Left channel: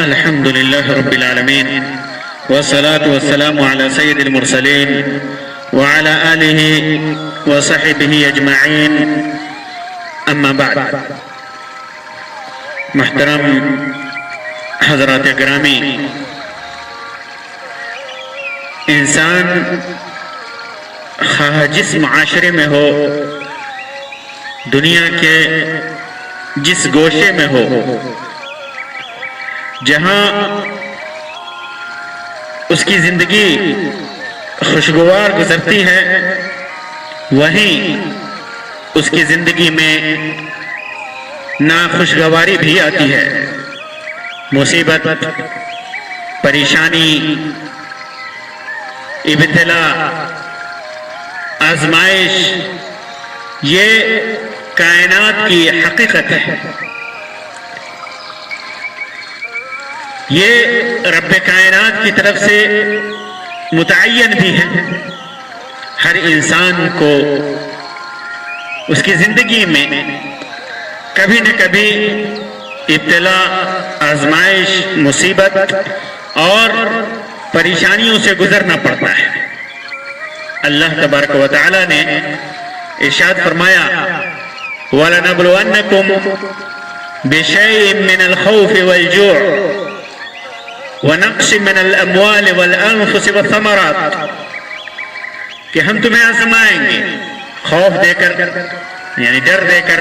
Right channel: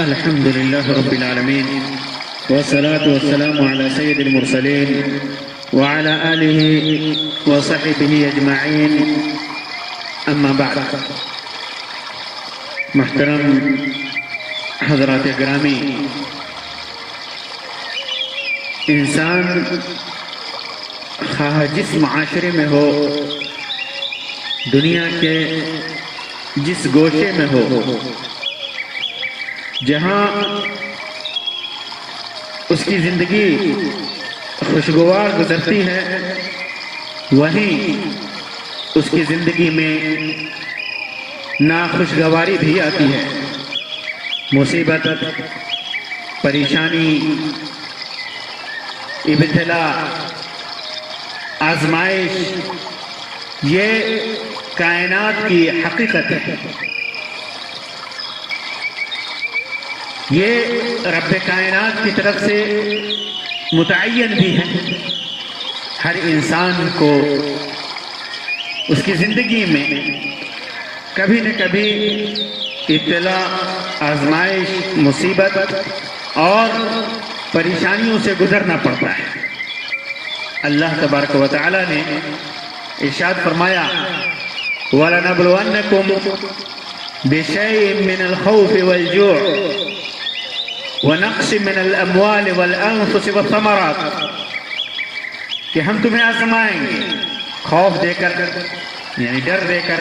الحمد لله رب العالمين والصلاة والسلام على سيد المرسلين وعلى آله وصحبه أجمعين أما بعد. محترم حضرات گرامی، انسان خواہ جس معاشرے میں ہو، دنیا کے جس گوشے میں ہو، جہاں اس کی زندگی خوشگوار گزرتی ہے، وہیں اس کی زندگی میں ناخوشگواری بھی آتی ہے. مصیبت، پریشانی، ابتلا، آزمائش، یہ کائنات کی حقیقت ہے. یہ رب کائنات کی طرف سے متعین بھی ہے. ہر انسان کو اس کی زندگی میں کبھی نہ کبھی ابتلا، آزمائش، مصیبت اور پریشانیوں سے گزرنا پڑتا ہے. اللہ تبارک و تعالی نے ارشاد فرمایا وَلَنَبْلُوَنَّكُمْ بِشَيْءٍ مِّنَ الْخَوْفِ وَالْجُوعِ وَنَقْصٍ مِّنَ الْأَمْوَالِ وَالْأَنفُسِ وَالثَّمَرَاتِ، کہ ہم تمہیں آزمائیں گے خوف دے کر، یعنی ڈر دے کر،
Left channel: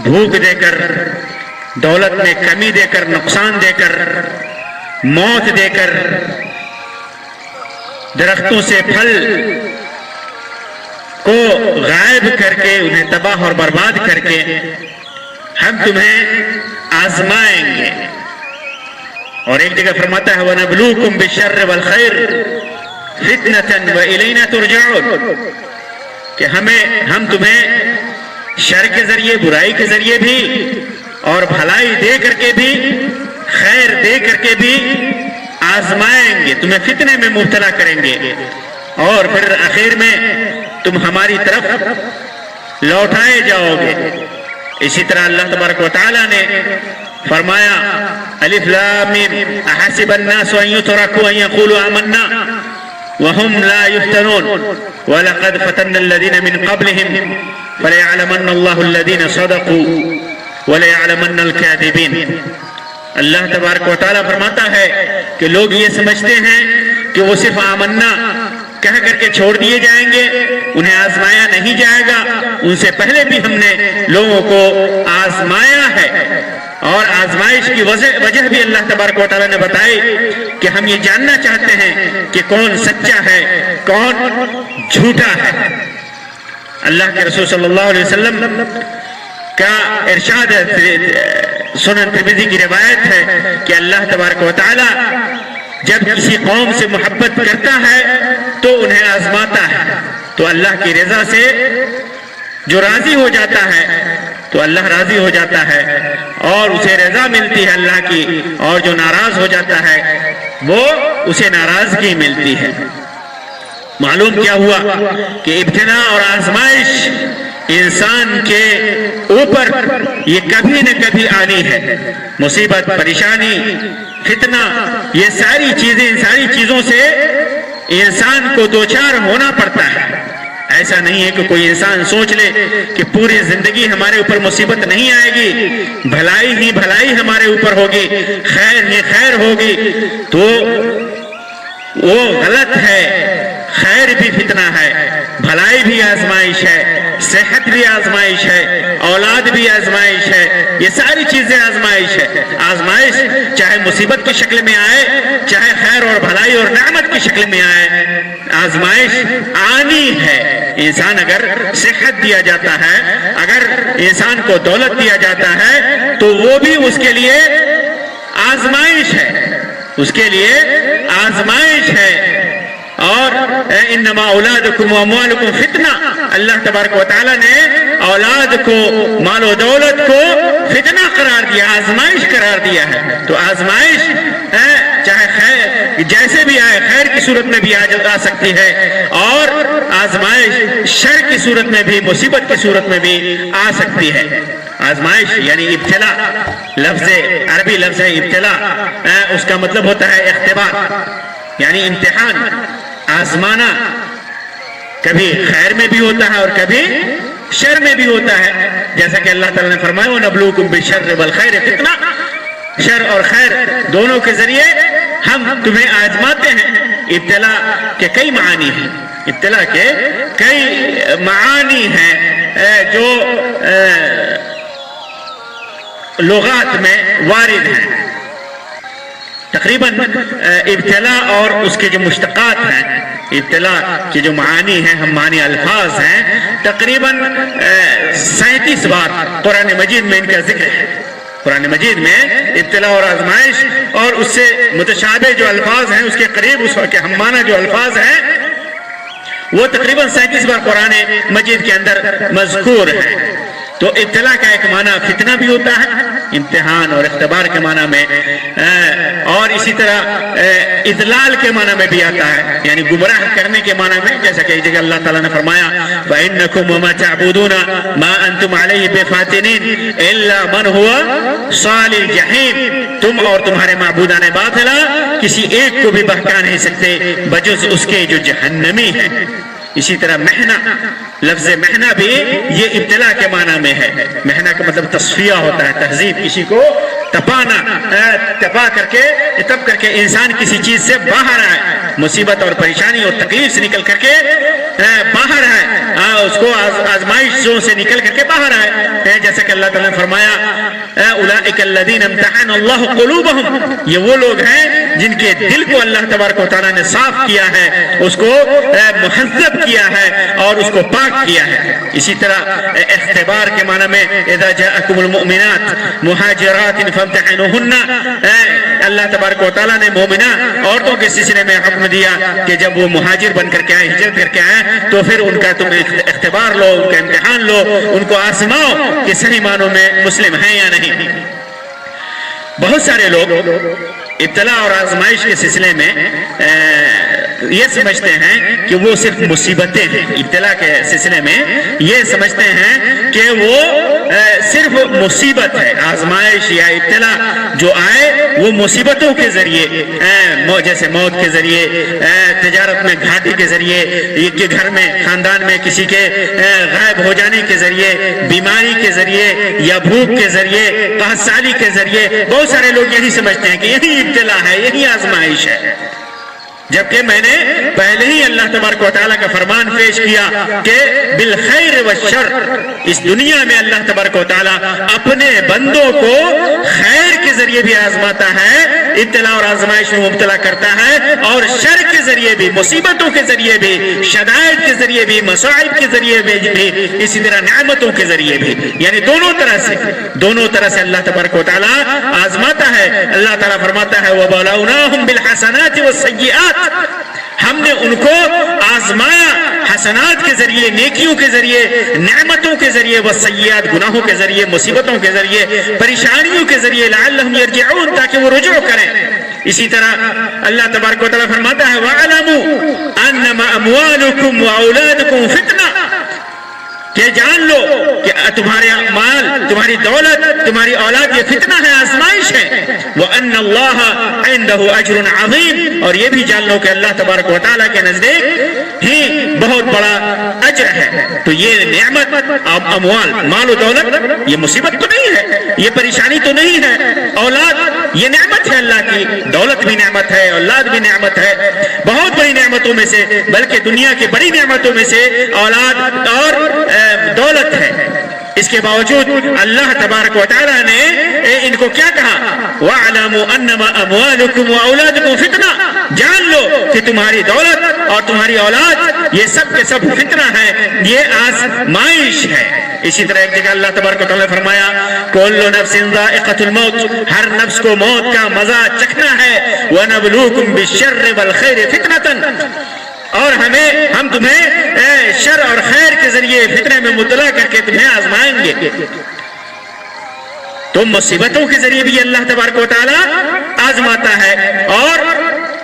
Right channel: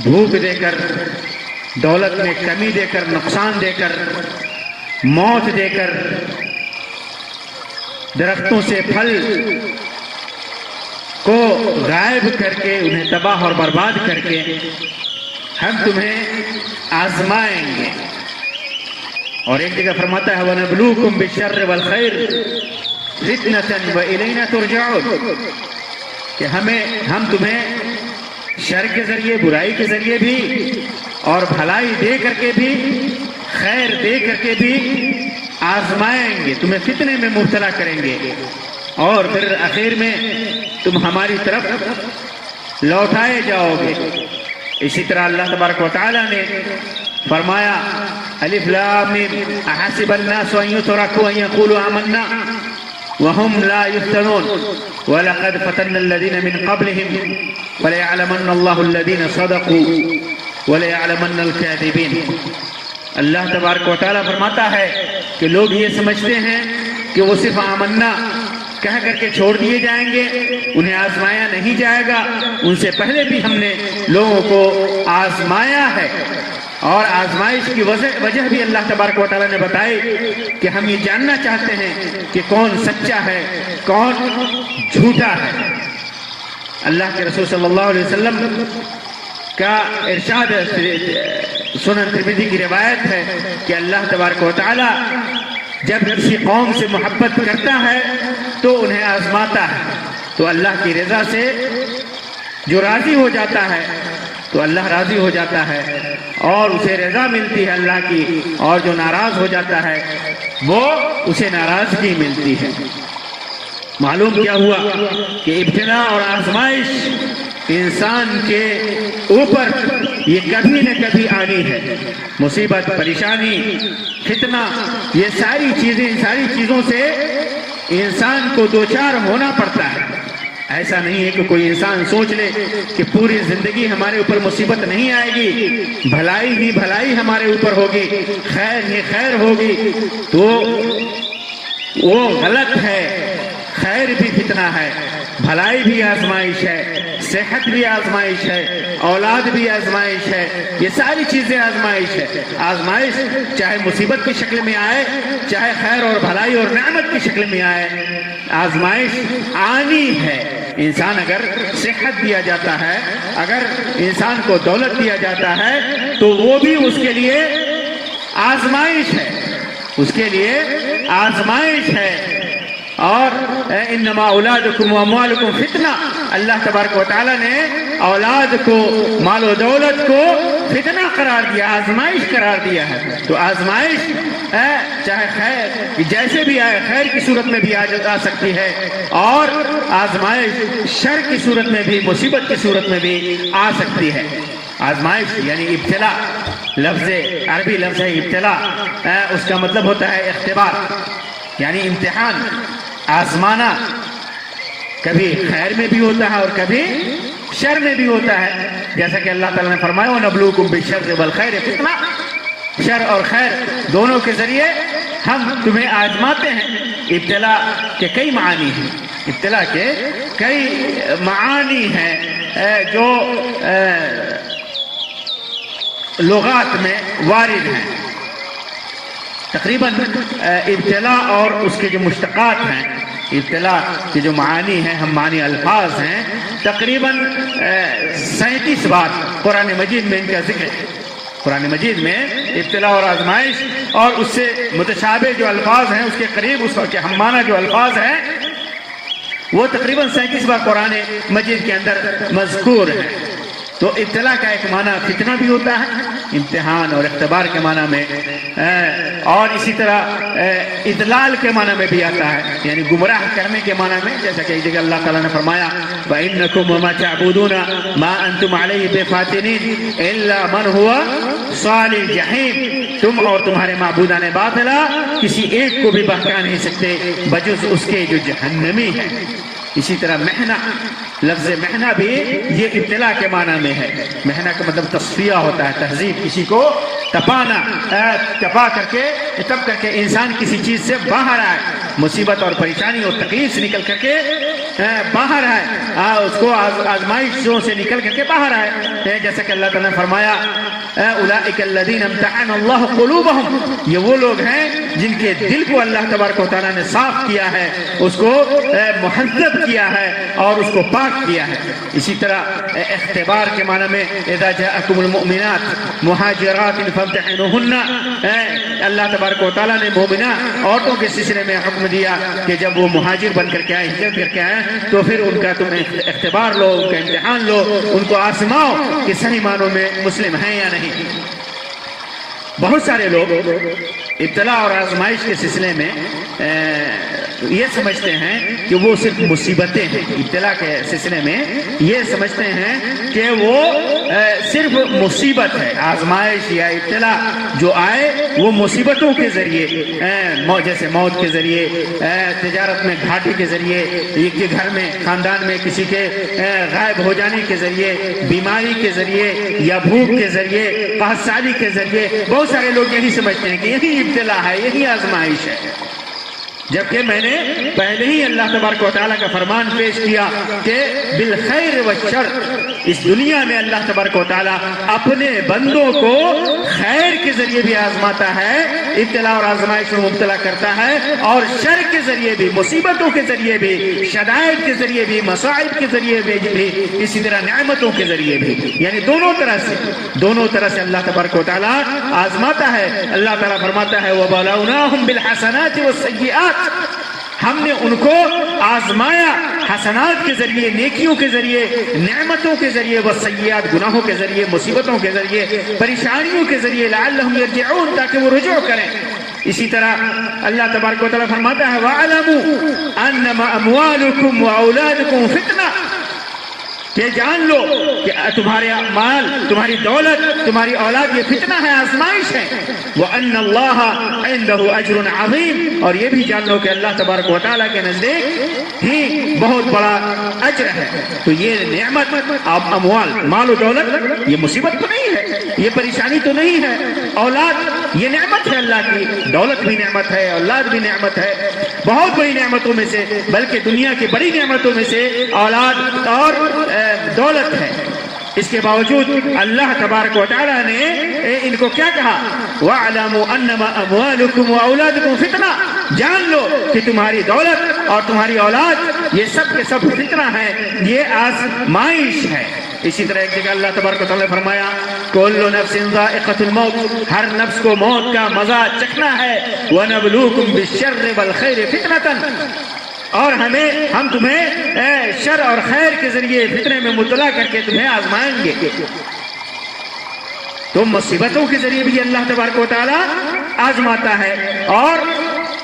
بھوک دے کر، دولت میں کمی دے کر، نقصان دے کر، موت دے کر، درختوں سے پھل کو غائب کر کے، انہیں تباہ اور برباد کر کے ہم تمہیں آزمائیں گے. اور ایک جگہ فرماتا ہے وَنَبْلُوكُمْ بِالشَّرِّ وَالْخَيْرِ فِتْنَةً وَإِلَيْنَا تُرْجَعُونَ، کہ ہم تمہیں شر کے ذریعے، برائی کے ذریعے بھی، اور بھلائی دے کر کے بھی، خیر دے کر کے بھی آزمائیں گے، تمہیں فتنے میں مبتلا کریں گے، اور پھر آخر میں تم ہماری طرف لوٹائے جاؤ گے. اسی طرح اللہ تبارک و تعالیٰ نے فرمایا الف لام میم احسب الناس ان يتركوا ان يقولوا آمنا وهم لا يفتنون ولقد فتنا الذين من قبلهم فليعلمن الله الذين صدقوا وَلَيَعْلَمَنَّ الْكَاذِبِينَ. اللہ تبارک و تعالیٰ فرماتا ہے کہ لوگ یہ سمجھتے ہیں کہ وہ صرف آمنا کہہ کر کے چھوڑ دیے جائیں گے، انہیں آزمایا نہیں جائے گا. ان سے پہلے بھی ہم نے لوگوں کو آزمایا ہے، اور آزمائش کی وجہ بھی اللہ تبارک و تعالیٰ نے بتائی کہ ہم یہ جاننا چاہتے ہیں کہ کون سچا ہے، کون جھوٹا ہے. اللہ کے رسول صلی اللہ علیہ وسلم کا ارشاد ہے، سنن ترمذی کی روایت ہے کہ اللہ تبارک و تعالی جب کسی قوم سے محبت کرتا ہے تو انہیں آزماتا ہے. تو اللہ کی رضا سے جو راضی ہو جاتا ہے تو اللہ راضی ہو جاتا ہے اور اسے رضا ملتی ہے اللہ کی، اور جو ناراض ہو جاتا ہے وہ اسے ناراضگی ملتی ہے. معلوم کیا ہوا کہ ابتلا اور آزمائش انسان کے اوپر یہ کبھی نہ کبھی آنی ہے. مصیبت، پریشانی، فتنہ، یہ ساری چیزیں، ان ساری چیزوں سے انسان کو دوچار ہونا پڑتا ہے. ایسا نہیں ہے کہ کوئی انسان سوچ لے کہ پوری زندگی ہمارے اوپر مصیبت نہیں آئے گی، بھلائی ہی بھلائی ہمارے اوپر ہوگی، خیر ہی خیر ہوگی، تو وہ غلط ہے. خیر بھی فتنہ ہے، بھلائی بھی آزمائش ہے، صحت بھی آزمائش ہے، اولاد بھی آزمائش ہے، یہ ساری چیزیں آزمائش ہے. آزمائش چاہے مصیبت کی شکل میں آئے، چاہے خیر اور بھلائی اور نعمت کی شکل میں آئے، آزمائش آنی ہے. انسان اگر صحت دیا جاتا ہے، اگر انسان کو دولت دیا جاتا ہے تو وہ بھی اس کے لیے آزمائش ہے، اس کے لیے آزمائش ہے. اور انما اولادکم و اموالکم فتنہ، اللہ تبارک و تعالی نے اولاد کو، مال و دولت کو فتنہ قرار دیا، آزمائش قرار دیا ہے. تو آزمائش چاہے خیر جیسے بھی آئے، خیر کی صورت میں بھی آ سکتی ہے، اور آزمائش شر کی صورت میں بھی، مصیبت کی صورت میں بھی آ سکتی ہے. آزمائش یعنی ابتلا، لفظ عربی لفظ ہے ابتلا، اس کا مطلب ہوتا ہے اختبار یعنی امتحان، آزمانا۔ کبھی خیر میں بھی ہوتا ہے اور کبھی شر میں بھی ہوتا ہے، جیسا کہ اللہ تعالیٰ نے فرمایا وَنَبْلُوكُمْ بِالشَّرِّ وَالْخَيْرِ فِتْنَةً، شر اور خیر دونوں کے ذریعے ہم تمہیں آزماتے ہیں۔ ابتلا کے کئی معانی ہیں، ابتلا کے کئی معانی ہیں جو لغات میں وارد ہیں۔ تقریباً ابتلا اور اس کے جو مشتقات ہیں، ابتلا کے جو معانی ہیں، ہم معنی الفاظ ہیں، تقریباً 37 بار قرآن مجید میں ان کا ذکر ہے۔ قرآن مجید میں ابتلا اور آزمائش اور اس سے متشابہ جو الفاظ ہیں، اس کے قریب اس کے ہم معنی جو الفاظ ہیں، وہ تقریباً 37 بار قرآن مجید کے اندر مذکور ہے۔ تو ابتلا کا ایک معنی فتنہ بھی ہوتا ہے، امتحان اور اختبار کے معنی میں، اور اسی طرح اضلال کے معنی میں بھی آتا ہے، یعنی گمراہ کرنے کے معنی میں، جیسا کہ ایک جگہ اللہ تعالیٰ نے فرمایا فَإِنَّكُمْ وَمَا تَعْبُدُونَ مَا أَنْتُمْ عَلَيْهِ بِفَاتِنِينَ إِلَّا مَنْ هُوَ صَالِ الْجَحِيمِ، تم اور تمہارے معبودان باطلا کسی ایک کو بھی بہکا نہیں سکتے بجز اس کے جو جہنمی ہے۔ اسی طرح محنہ، لفظ محنہ بھی یہ ابتلا کے معنی میں ہے۔ محنہ کا مطلب تصفیہ ہوتا ہے، تہذیب، کسی کو تپانا، تپا کر کے تب کر کے انسان کسی چیز سے باہر آئے، مصیبت اور پریشانی اور تکلیف سے نکل کر کے باہر آئے، اس کو آزمائشوں سے نکل کر کے باہر آئے، جیسا کہ اللہ تعالیٰ نے فرمایا اولئک الذین امتحن اللہ قلوبہم، یہ وہ لوگ ہیں جن کے دل کو اللہ تبارک و تعالیٰ نے صاف کیا ہے، اس کو مہذب کیا ہے اور اس کو پاک کیا ہے۔ اسی طرح اختبار کے معنی میں اذا جاءکم المؤمنات مہاجرات فامتحنوہن، اللہ تبارک و تعالیٰ نے مومنہ عورتوں کے سلسلے میں حکم دیا کہ جب وہ مہاجر بن کر کے آئے، ہجرت کر کے آئے، تو پھر ان کا تم اختبار لو، ان کا امتحان لو، ان کو آزماؤ کہ صحیح معنوں میں مسلم ہیں یا نہیں۔ بہت سارے لوگ ابتلا اور آزمائش کے سلسلے میں یہ سمجھتے ہیں کہ وہ صرف مصیبتیں ہیں، ابتلا کے سلسلے میں یہ سمجھتے ہیں کہ وہ صرف مصیبت ہے، آزمائش یا ابتلا جو آئے وہ مصیبتوں کے ذریعے، جیسے موت کے ذریعے، تجارت میں گھاٹی کے ذریعے، کہ گھر میں خاندان میں کسی کے غائب ہو جانے کے ذریعے، بیماری کے ذریعے یا بھوک کے ذریعے، قحط سالی کے ذریعے، بہت سارے لوگ یہی سمجھتے ہیں کہ یہی ابتلا ہے، یہی آزمائش ہے، جبکہ میں نے پہلے ہی اللہ تبارک و تعالیٰ کا فرمان پیش کیا کہ بالخیر والشر، اس دنیا میں اللہ تبارک و تعالیٰ اپنے بندوں کو خیر کے ذریعے بھی آزماتا ہے، ابتلا اور آزمائش میں مبتلا کرتا ہے، اور شر کے ذریعے بھی، مصیبتوں کے ذریعے بھی، شدائد کے ذریعے بھی، مصائب کے ذریعے بھی، اسی طرح نعمتوں کے ذریعے بھی، یعنی دونوں طرح سے اللہ تبارک و تعالیٰ آزماتا ہے۔ اللہ تعالیٰ فرماتا ہے وَبَلَوْنَاهُمْ بِالْحَسَنَاتِ وَالسَّيِّئَاتِ، ہم نے ان کو آزمایا حسنات کے ذریعے، نیکیوں کے ذریعے، نعمتوں کے ذریعے، والسیئات گناہوں کے ذریعے، مصیبتوں کے ذریعے، پریشانیوں کے ذریعے، لعلہم یرجعون، تاکہ وہ رجوع کریں۔ اسی طرح اللہ تبارک و تعالیٰ فرماتا ہے وَاعْلَمُوا أَنَّمَا أَمْوَالُكُمْ وَأَوْلَادُكُمْ فِتْنَةٌ، کہ جان لو کہ تمہارے مال، تمہاری دولت، تمہاری اولاد یہ فتنہ ہے، آزمائش ہے۔ وَأَنَّ اللَّهَ عِنْدَهُ أَجْرٌ عَظِيمٌ، اور یہ بھی جان لو کہ اللہ تبارک و تعالیٰ کے نزدیک ہی بہت بڑا اجر ہے۔ تو یہ نعمت، اموال، مال و دولت، یہ مصیبت تو نہیں ہے، یہ پریشانی تو نہیں ہے، اولاد یہ نعمت ہے اللہ کی، دولت بھی نعمت ہے، اولاد بھی نعمت ہے، بہت بڑی نعمتوں میں سے، بلکہ دنیا کی بڑی نعمتوں میں سے اولاد اور دولت ہے۔ اس کے باوجود اللہ تبارک و تعالیٰ نے ان کو کیا کہا وَاعْلَمُوا أَنَّمَا أَمْوَالُكُمْ وَأَوْلَادُكُمْ فِتْنَةٌ، جان لو کہ تمہاری دولت اور تمہاری اولاد یہ سب کے سب فتنہ ہے، یہ آزمائش ہے۔ اسی طرح ایک جگہ اللہ تبارک و تعالیٰ نے فرمایا كُلُّ نَفْسٍ ذَائِقَةُ الْمَوْتِ، ہر نفس کو موت کا مزہ چکھنا ہے، وَنَبْلُوكُمْ بِالشَّرِّ وَالْخَيْرِ فِتْنَةً، اور ہم تمہیں شر اور خیر کے ذریعے فتنے میں مبتلا کر کے تمہیں آزمائیں گے۔ تو مصیبتوں کے ذریعے بھی اللہ تبارک و تعالیٰ آزماتا ہے، اور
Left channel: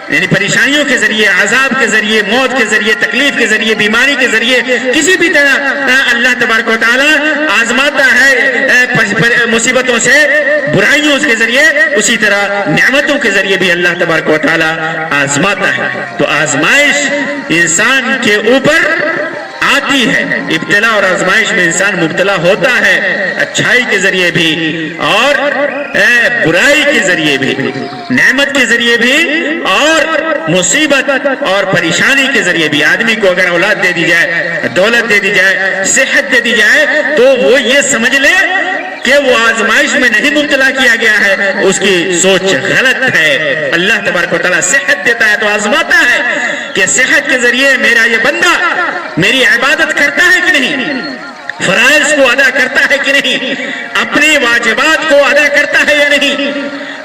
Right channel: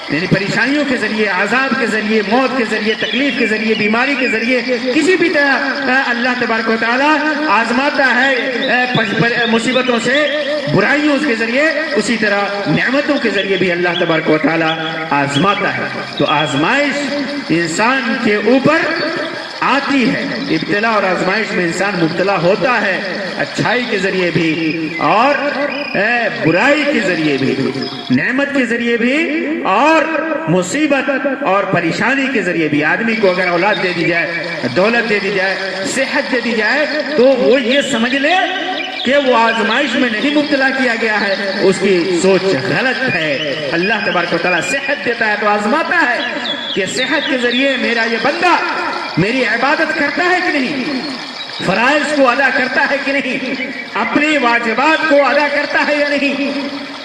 یعنی پریشانیوں کے ذریعے، عذاب کے ذریعے، موت کے ذریعے، تکلیف کے ذریعے، بیماری کے ذریعے، کسی بھی طرح اللہ تبارک و تعالیٰ آزماتا ہے، مصیبتوں سے، برائیوں کے ذریعے، اسی طرح نعمتوں کے ذریعے بھی اللہ تبارک و تعالیٰ آزماتا ہے۔ تو آزمائش انسان کے اوپر آتی ہے، ابتلا اور آزمائش میں انسان مبتلا ہوتا ہے، اچھائی کے ذریعے بھی اور برائی کے ذریعے بھی، نعمت کے ذریعے بھی اور مصیبت اور پریشانی کے ذریعے بھی۔ آدمی کو اگر اولاد دے دی جائے، دولت دے دی جائے، صحت دے دی جائے، تو وہ یہ سمجھ لے کہ وہ آزمائش میں نہیں مبتلا کیا گیا ہے، اس کی سوچ غلط ہے۔ اللہ تبارک و تعالیٰ صحت دیتا ہے تو آزماتا ہے کہ صحت کے ذریعے میرا یہ بندہ میری عبادت کرتا ہے کہ نہیں، فرائض کو ادا کرتا ہے کہ نہیں، اپنی واجبات کو ادا کرتا ہے یا نہیں۔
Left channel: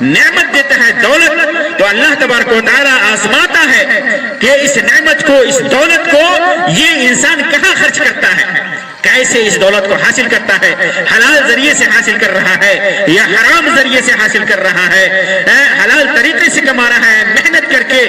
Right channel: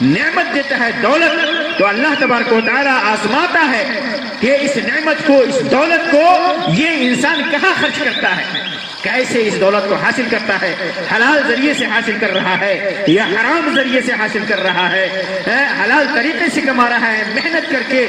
نعمت دیتا ہے دولت، تو اللہ تبارک و تعالیٰ آزماتا ہے کہ اس نعمت کو، اس دولت کو یہ انسان کہاں خرچ کرتا ہے، کیسے اس دولت کو حاصل کرتا ہے، حلال ذریعے سے حاصل کر رہا ہے یا حرام ذریعے سے حاصل کر رہا ہے، حلال طریقے سے کما رہا ہے، محنت کر کے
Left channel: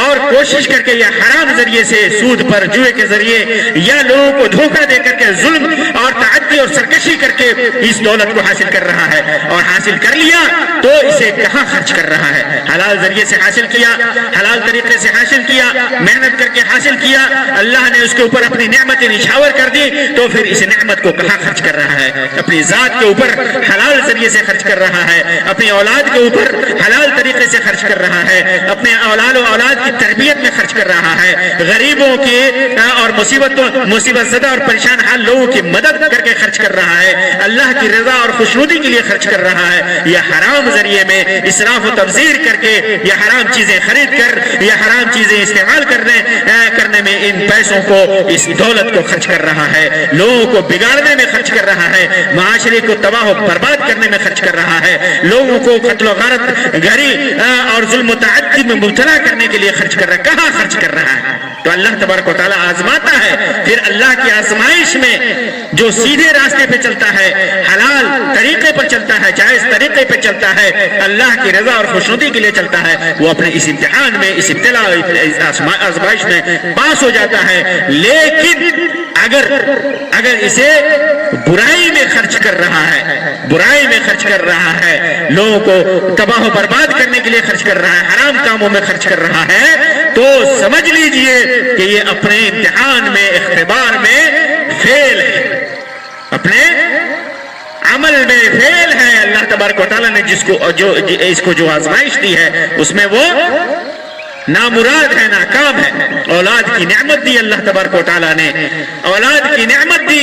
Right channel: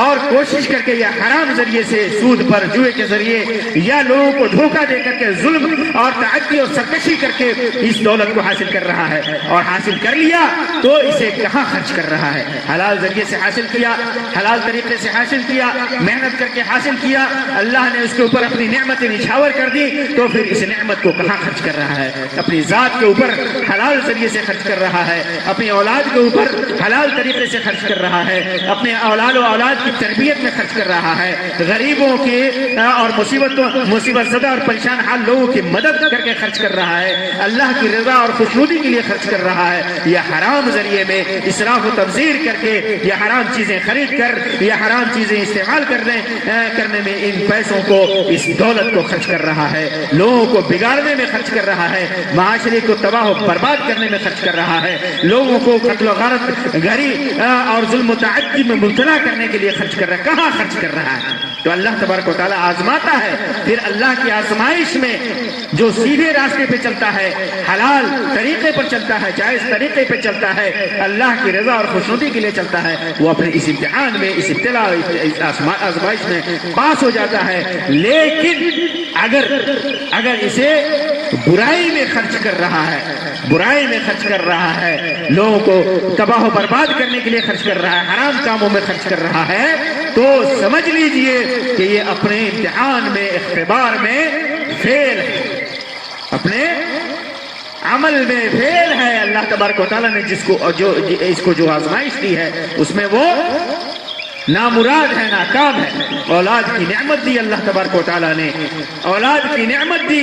اور کوشش کر کے، یا حرام ذریعے سے، سود پر، جوئے کے ذریعے، یا لوگوں کو دھوکہ دے کر کے، ظلم اور تعدی اور سرکشی کر کے اس دولت کو حاصل کر رہا ہے، اور حاصل کر لیا تو اسے کہاں خرچ کر رہا ہے۔ حلال ذریعے سے حاصل کیا، حلال طریقے سے حاصل کیا، محنت کر کے حاصل کیا، اللہ نے اس کے اوپر اپنی نعمتیں نچھاور کر دی، تو پھر اس نعمت کو کہاں خرچ کر رہا ہے؟ اپنی ذات کے اوپر حلال ذریعے سے خرچ کر رہا ہے، اپنی اولاد کے اوپر حلال طریقے سے خرچ کر رہا ہے، اپنے اولاد کی تربیت میں خرچ کر رہا ہے، غریبوں کی اور مصیبت زدہ اور پریشان حال لوگوں کی مدد کر کے خرچ کر رہا ہے، اللہ کی رضا اور خوشنودی کے لیے خرچ کر رہا ہے، یا حرام ذریعے میں اسراف و تبذیر کر کے، یا حرام چیزیں خرید کر، یا حرام چیزیں استعمال کرنے میں ان پیسوں کو، اس دولت کو خرچ کر رہا ہے، لوگوں کو بگاڑنے میں خرچ کر رہا ہے، معاشرے کو تباہ و برباد کرنے میں خرچ کر رہا ہے، لوگوں کو قتل و غارت گری اور ظلم و تعدی میں مبتلا کرنے کے لیے خرچ کر رہا ہے۔ کہاں خرچ کر رہا ہے؟ تو اللہ تبارک و تعالیٰ آزماتا ہے۔ پھر اللہ کی آزمائش میں جو سیدھے راستے پہ چلتا ہے، حلال طریقے پر چلتا ہے، جائز طریقے پہ چلتا ہے، اللہ کی رضا اور خوشنودی کے لیے چلتا ہے، وہ اپنے اس امتحان میں، اس ابتلا آزمائش میں پاس ہو جاتا ہے۔ لیکن اگر اسے برائی میں خرچ کر رہا ہے، برائی میں خرچ کر رہا ہے، لوگوں کو تباہ و برباد کرنے کے لیے خرچ کر رہا ہے، حرام کاموں میں خرچ کر رہا ہے، تو سمجھ لیجئے کہ یہ اپنے امتحان میں، اختبار میں فیل ہے، اپنے عمل میں فیل ہے۔ اللہ تبارک و تعالیٰ نے اس کو جو آزمائش دی ہے، اس میں وہ نامراد ہے، ناکام ہے۔ اولاد کی نعمت دی اللہ تبارک و تعالیٰ نے، اولاد کی نعمت دی،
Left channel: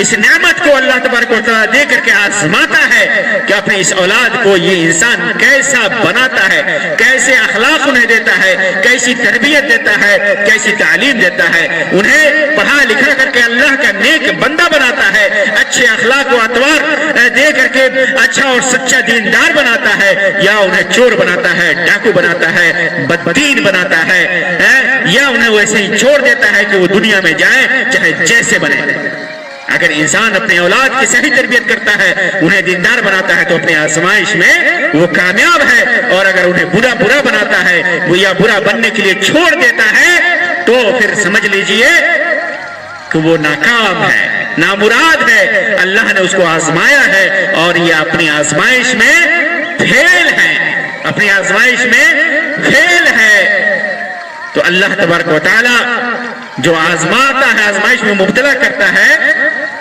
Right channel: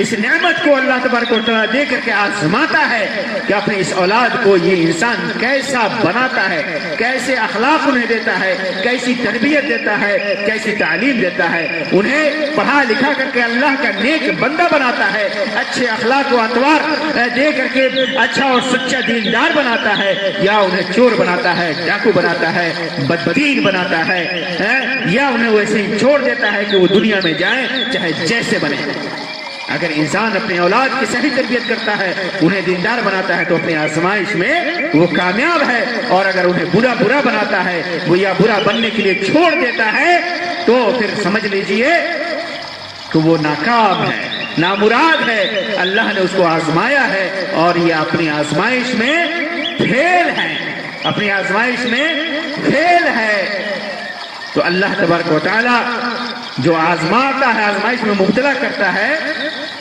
اس نعمت کو اللہ تبارک و تعالیٰ دے کر کے آزماتا ہے کہ اپنے اس اولاد کو یہ انسان کیسا بناتا ہے، کیسے اخلاق انہیں دیتا ہے، کیسی تربیت دیتا ہے، کیسی تعلیم دیتا ہے، انہیں پڑھا لکھا کر کے اللہ کا نیک بندہ بناتا ہے، اچھے اخلاق و اطوار دے کر کے اچھا اور سچا دیندار بناتا ہے، یا انہیں چور بناتا ہے، ڈاکو بناتا ہے، بددین بناتا ہے، یا انہیں ویسے ہی چھوڑ دیتا ہے کہ وہ دنیا میں جائیں چاہے جیسے بنے۔ اگر انسان اپنے اولاد کی صحیح تربیت کرتا ہے، انہیں دیندار بناتا ہے، تو اپنی آزمائش میں وہ کامیاب ہے، اور اگر انہیں برا بناتا ہے، وہ یا برا بننے کے لیے چھوڑ دیتا ہے، تو پھر سمجھ لیجئے کہ وہ ناکام ہے، نامراد ہے۔ اللہ نے اس کو آزمایا ہے، اور یہ اپنی آزمائش میں فیل ہے، اپنی آزمائش میں فیل ہے۔ تو اللہ تبارک و تعالیٰ جو آزماتا ہے، آزمائش میں مبتلا کرتا ہے،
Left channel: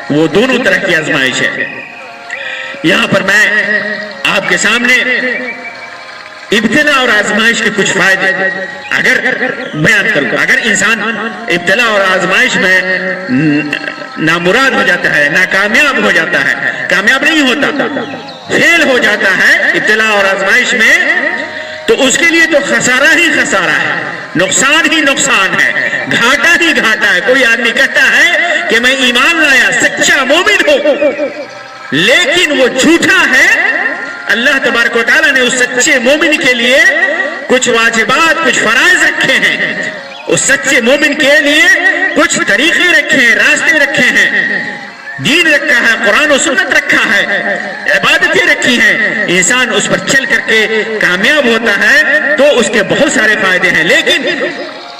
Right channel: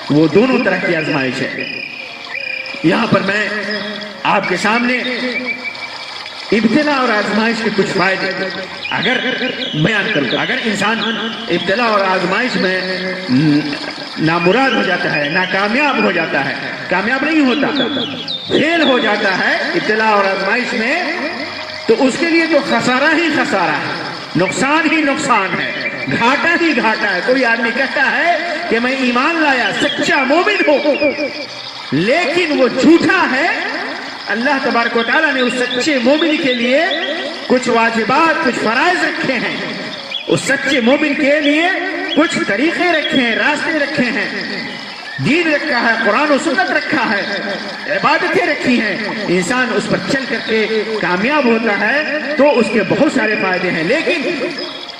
وہ دونوں طرح کی آزمائش ہے۔ یہاں پر میں آپ کے سامنے ابتلا اور آزمائش کے کچھ فائدے اگر بیان کروں، اگر انسان ابتلا اور آزمائش میں نامراد ہو جاتا ہے، ناکامیاب ہو جاتا ہے، کامیاب نہیں ہوتا، فیل ہو جاتا ہے ابتلا اور آزمائش میں، تو اس کے لیے تو خسارہ ہی خسارہ ہے، نقصان ہی نقصان ہے، گھاٹا ہی گھاٹا ہے۔ کوئی آدمی کہتا ہے کہ میں ایمان لایا، سچا مومن ہوں، لیکن وہ جھوٹا ہے۔ اللہ تبارک و تعالیٰ نے اس سچے مومن کے لیے کچھ واجبات، کچھ فرائض رکھے ہیں، اس سچے مومن کے لیے کچھ طریقے رکھے ہیں، راستے رکھے ہیں، دین رکھا ہے، قرآن و سنت رکھا ہے، عبادتیں رکھی ہیں۔ انسان اس پر چل کر کے کامیاب ہوتا ہے تو اس کے بہت سارے فائدے ہیں، لیکن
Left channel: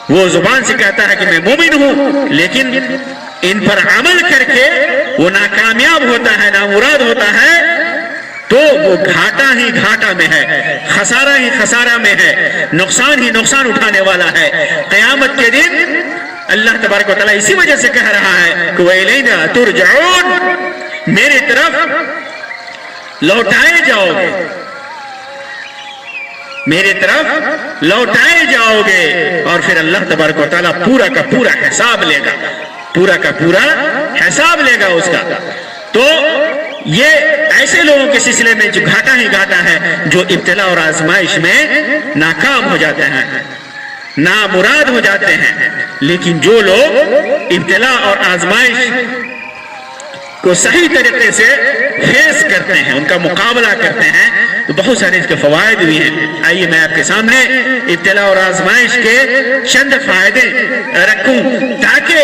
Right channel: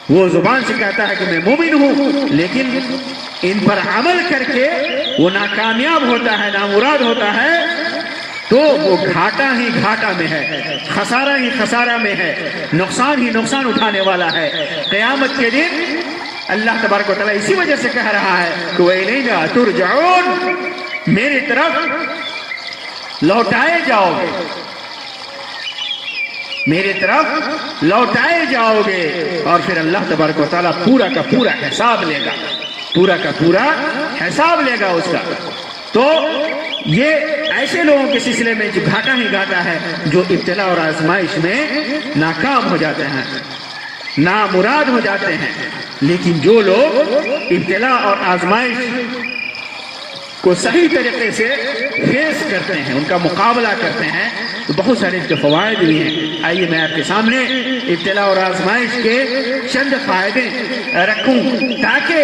وہ زبان سے کہتا ہے کہ میں مومن ہوں، لیکن ان پر عمل کر کے وہ ناکامیاب ہوتا ہے، نامراد ہوتا ہے، تو وہ گھاٹا ہی گھاٹا میں ہے، خسارہ ہی خسارہ میں ہے، نقصان ہی نقصان اٹھانے والا ہے۔ قیامت کے دن اللہ تبارک و تعالیٰ اسی وجہ سے کہہ رہا ہے کہ وَإِلَيْنَا تُرْجَعُونَ، میری طرف لوٹائے جاؤ گے، میری طرف لوٹائے جاؤ گے، اور پھر اللہ تبارک و تعالیٰ پورا کا پورا حساب لے گا، پورا کا پورا حساب لے گا اس کا۔ تو یہ ایسے لوگوں کے سلسلے میں جو گھاٹا ہی گھاٹا ہے، جو ابتلا اور آزمائش میں ناکام ہو جاتے ہیں، نامراد ہو جاتے ہیں۔ لیکن جو لوگ ابتلا اور آزمائش کو صحیح طریقے سے فیس کرتے ہیں، ان کا مقابلہ کرتے ہیں، تو بہت سارے اس کے فوائد بھی ہیں۔ آئیے میں آپ کے سامنے ابتلا اور آزمائش کے چند فائدے رکھوں، تاکہ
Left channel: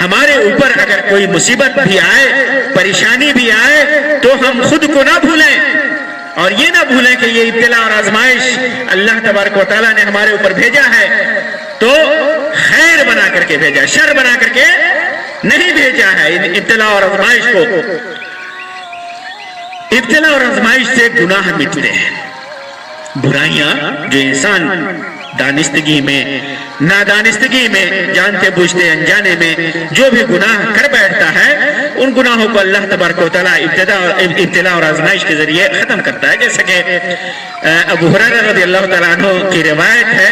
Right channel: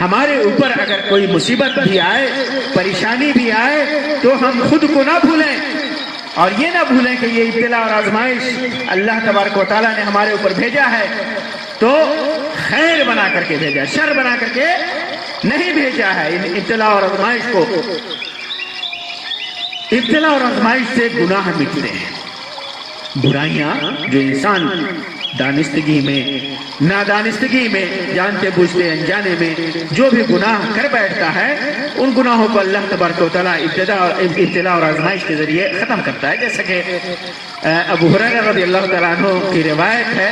ہمارے اوپر اگر کوئی مصیبت بھی آئے، پریشانی بھی آئے، تو ہم خود کو نہ بھولیں، اور یہ نہ بھولیں کہ یہ ابتلا اور آزمائش اللہ تبارک و تعالیٰ نے ہمارے اوپر بھیجا ہے تو خیر بنا کر کے بھیجا، شر بنا کر کے نہیں بھیجا ہے۔ ابتلا اور آزمائش کو، ابتلا اور آزمائش سے گناہ مٹتے ہیں، برائیاں جو انسان دانستگی میں، نادانستگی میں، جانتے بوجھتے انجانے میں جو بھی گناہ کر بیٹھتا ہے، ان گناہوں کو اللہ تبارک و تعالیٰ ابتلا اور آزمائش کے ذریعے ختم کرتا ہے۔ جیسا کہ ابو ہریرہ رضی اللہ تعالیٰ عنہ کی روایت ہے،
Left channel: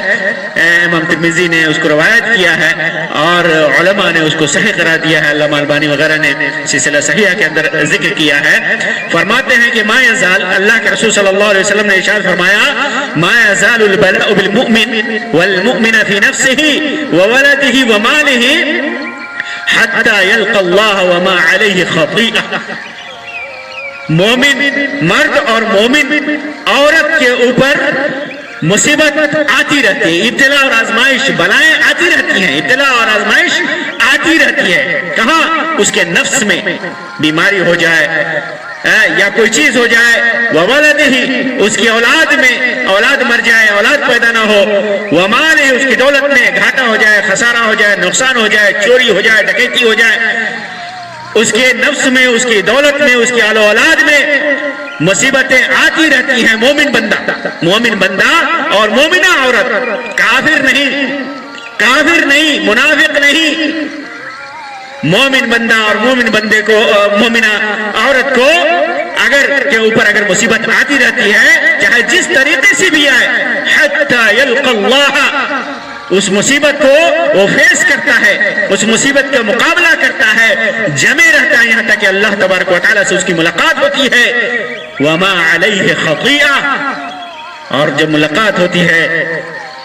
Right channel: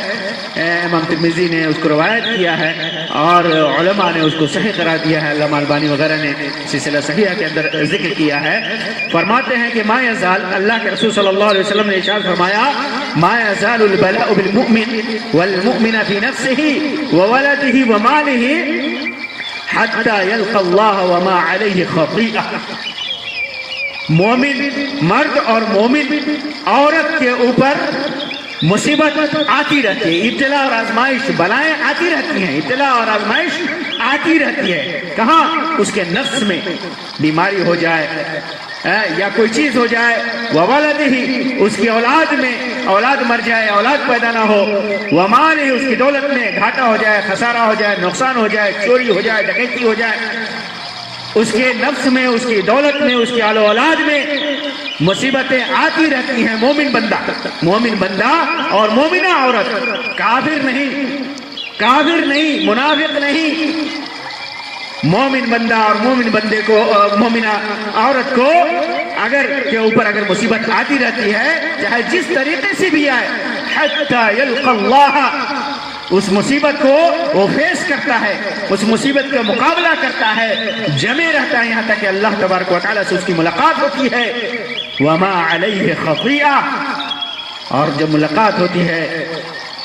امام ترمذی نے اس کو روایت کیا ہے اور علماء نے اس کو صحیح قرار دیا ہے، علامہ البانی وغیرہ نے سلسلہ صحیحہ کے اندر ذکر کیا ہے۔ فرماتے ہیں کہ ما یزال، اللہ کے رسول صلی اللہ علیہ وسلم نے ارشاد فرمایا، ما یزال البلاء بالمؤمن والمؤمن في نفسه وولده وماله حتى يلقى الله وما عليه خطيئة۔ مومن مرد اور مومن عورت کے اوپر مصیبت آتی رہتی ہے، ابتلا اور آزمائش، بلائیں آتی رہتی ہیں، ابتلا اور آزمائش آتی رہتی ہے۔ کہاں؟ اس کے نفس میں بیماری ہو جائے یا کوئی چیز ہو جائے، وَوَلَدِهِ، اس کی اولاد میں اولاد مر جائے، اولاد پیدا نہ ہو، وَمَالِهِ، اس کی دولت میں گھاٹا ہو جائے، خسارہ ہو جائے، نقصان ہو جائے، چوری ہو جائے، ڈکیتی ہو جائے، اس کے نفس میں، اس کی دولت میں، اس کی آل و اولاد میں مصیبتیں آتی رہتی ہیں۔ مومن بندہ اور مومنہ عورت، کافر نہیں، منافق نہیں، مومن بندہ اور مومن بندے کو، مومنہ عورت کو کے اوپر اگر مصیبت آتی رہتی ہے، چاہے جس طریقے سے بھی آئے، حتی یلقى اللہ، اس مصیبت کو وہ فیس کرتا ہے، اس مصیبت کا مقابلہ کرتا ہے، جمے رہتا ہے، یہاں تک کہ اللہ تبارک و تعالیٰ سے اس کی ملاقات ہوتی ہے۔ وما علیہ خطیئہ، اور جب ملاقات ہوتی ہے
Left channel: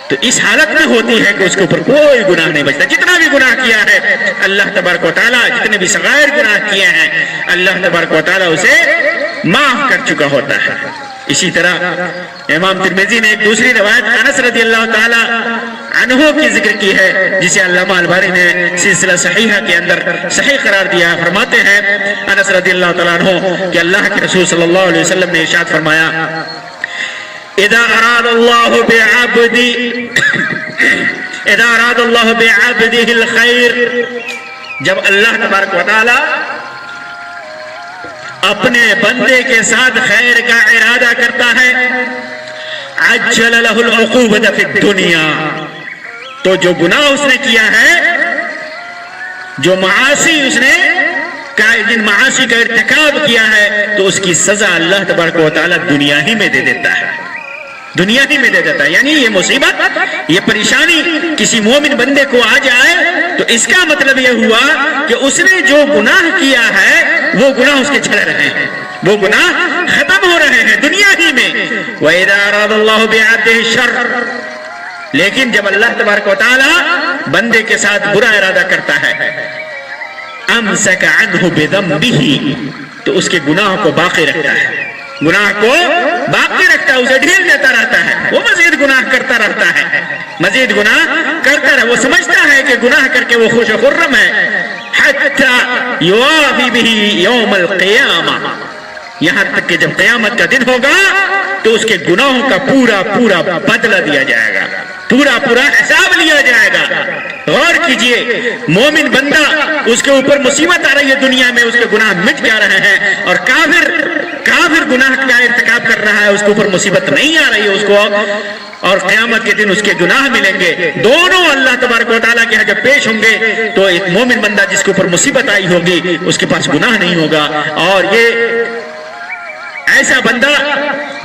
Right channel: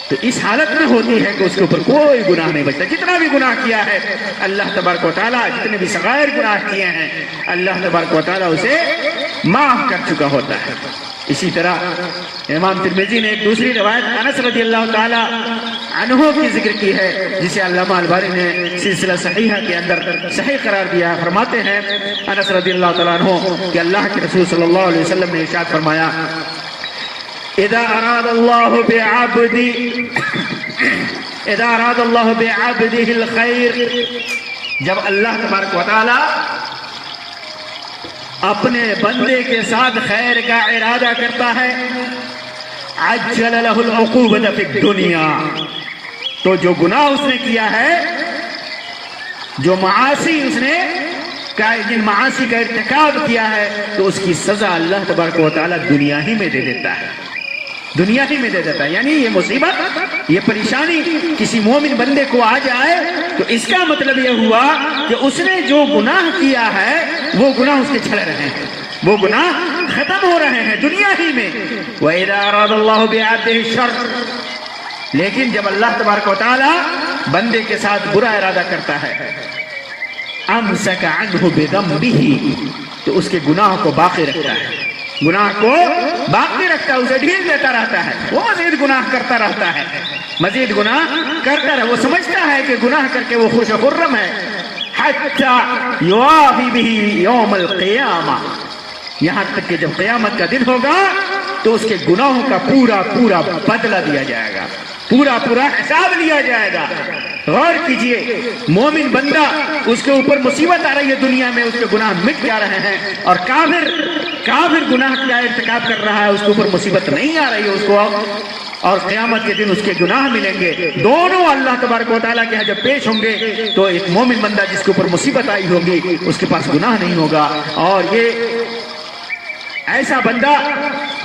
تو اس حالت میں ہوتی ہے کہ اس کے اوپر کوئی گناہ نہیں بچتا۔ جتنا بھی گناہ کیا ہے اللہ تبارک و تعالیٰ، جتنے بھی صغائر گناہ کیے ہیں اللہ تبارک و تعالیٰ اسے معاف کر چکا ہوتا ہے۔ اسی طرح امام ترمذی نے ایک دوسری روایت انس رضی اللہ تعالیٰ عنہ کی ذکر کی ہے، جسے علامہ البانی نے سلسلہ صحیحہ کے اندر صحیح قرار دیا۔ فرماتے ہیں انس رضی اللہ تعالیٰ عنہ کہ اللہ کے رسول صلی اللہ علیہ وسلم نے ارشاد فرمایا، اذا اراد اللہ بعبده الخیر، جب اللہ تبارک و تعالیٰ اپنے بندے کے ساتھ خیر کا ارادہ کرتا ہے، عجل له العقوبة فی الدنیا، تو جو گناہ اس نے کیا ہے، جو معاصی اس نے جن معاصی کا ارتکاب کیا ہے، تو اس کی سزا اللہ تبارک و تعالیٰ دنیا ہی میں دے دیتا ہے، دنیا ہی میں دے دیتا ہے۔ یعنی یہ مصیبت، یہ پریشانی کسی مومن بندے کو آ جائے تو اس کا مطلب یہ ہوا کہ اس نے جو گناہ کیا ہے وہ گناہ اس کے چھڑ رہے ہیں، وہ گناہ ختم ہو رہے ہیں دنیا ہی میں۔ وَإِذَا أَرَادَ اللَّهُ بِعَبْدِهِ الشَّرَّ، لیکن جب اللہ تبارک و تعالیٰ بندے کے ساتھ برا ارادہ کرتا ہے، أَمْسَكَ عَنْهُ بِذَنبِهِ، تو اس کے گناہوں کو باقی رکھتا ہے، گناہ کو باقی رکھتا ہے، اسے ڈھیل دیتا رہتا ہے، وہ مزید گناہ کرتا رہتا ہے، مزید گناہ کرتا رہتا ہے، وہ سمجھتا ہے کہ گناہ کر کے وہ خوش و خرم ہے، حتی یوافی بہ یوم القیامہ، یہاں تک کہ جب قیامت کا دن ہوگا تو اس کے گناہوں کا پورا پورا بدلہ دیا جائے گا، پورا پورا حساب لیا جائے گا۔ غور کیجئے، مومن بندہ اس کے اوپر مصیبت آ رہی ہے دنیا میں، اس کے گناہ مٹ جا رہے ہیں، اور کافر کافر گناہ کا ارتکاب کر رہا ہے اس کے اوپر مصیبت نہیں آ رہی ہے اس کو، اور قیامت کے دن اس کے گناہ ملیں گے، دونوں اللہ تبارک و تعالیٰ کے یہاں جب پیش ہوں گے تو ایک مومن بندہ جس کے اوپر مصیبت آئی ہوگی اس کے پاس گناہ نہیں ہوگا، اور یہ ایسا بندہ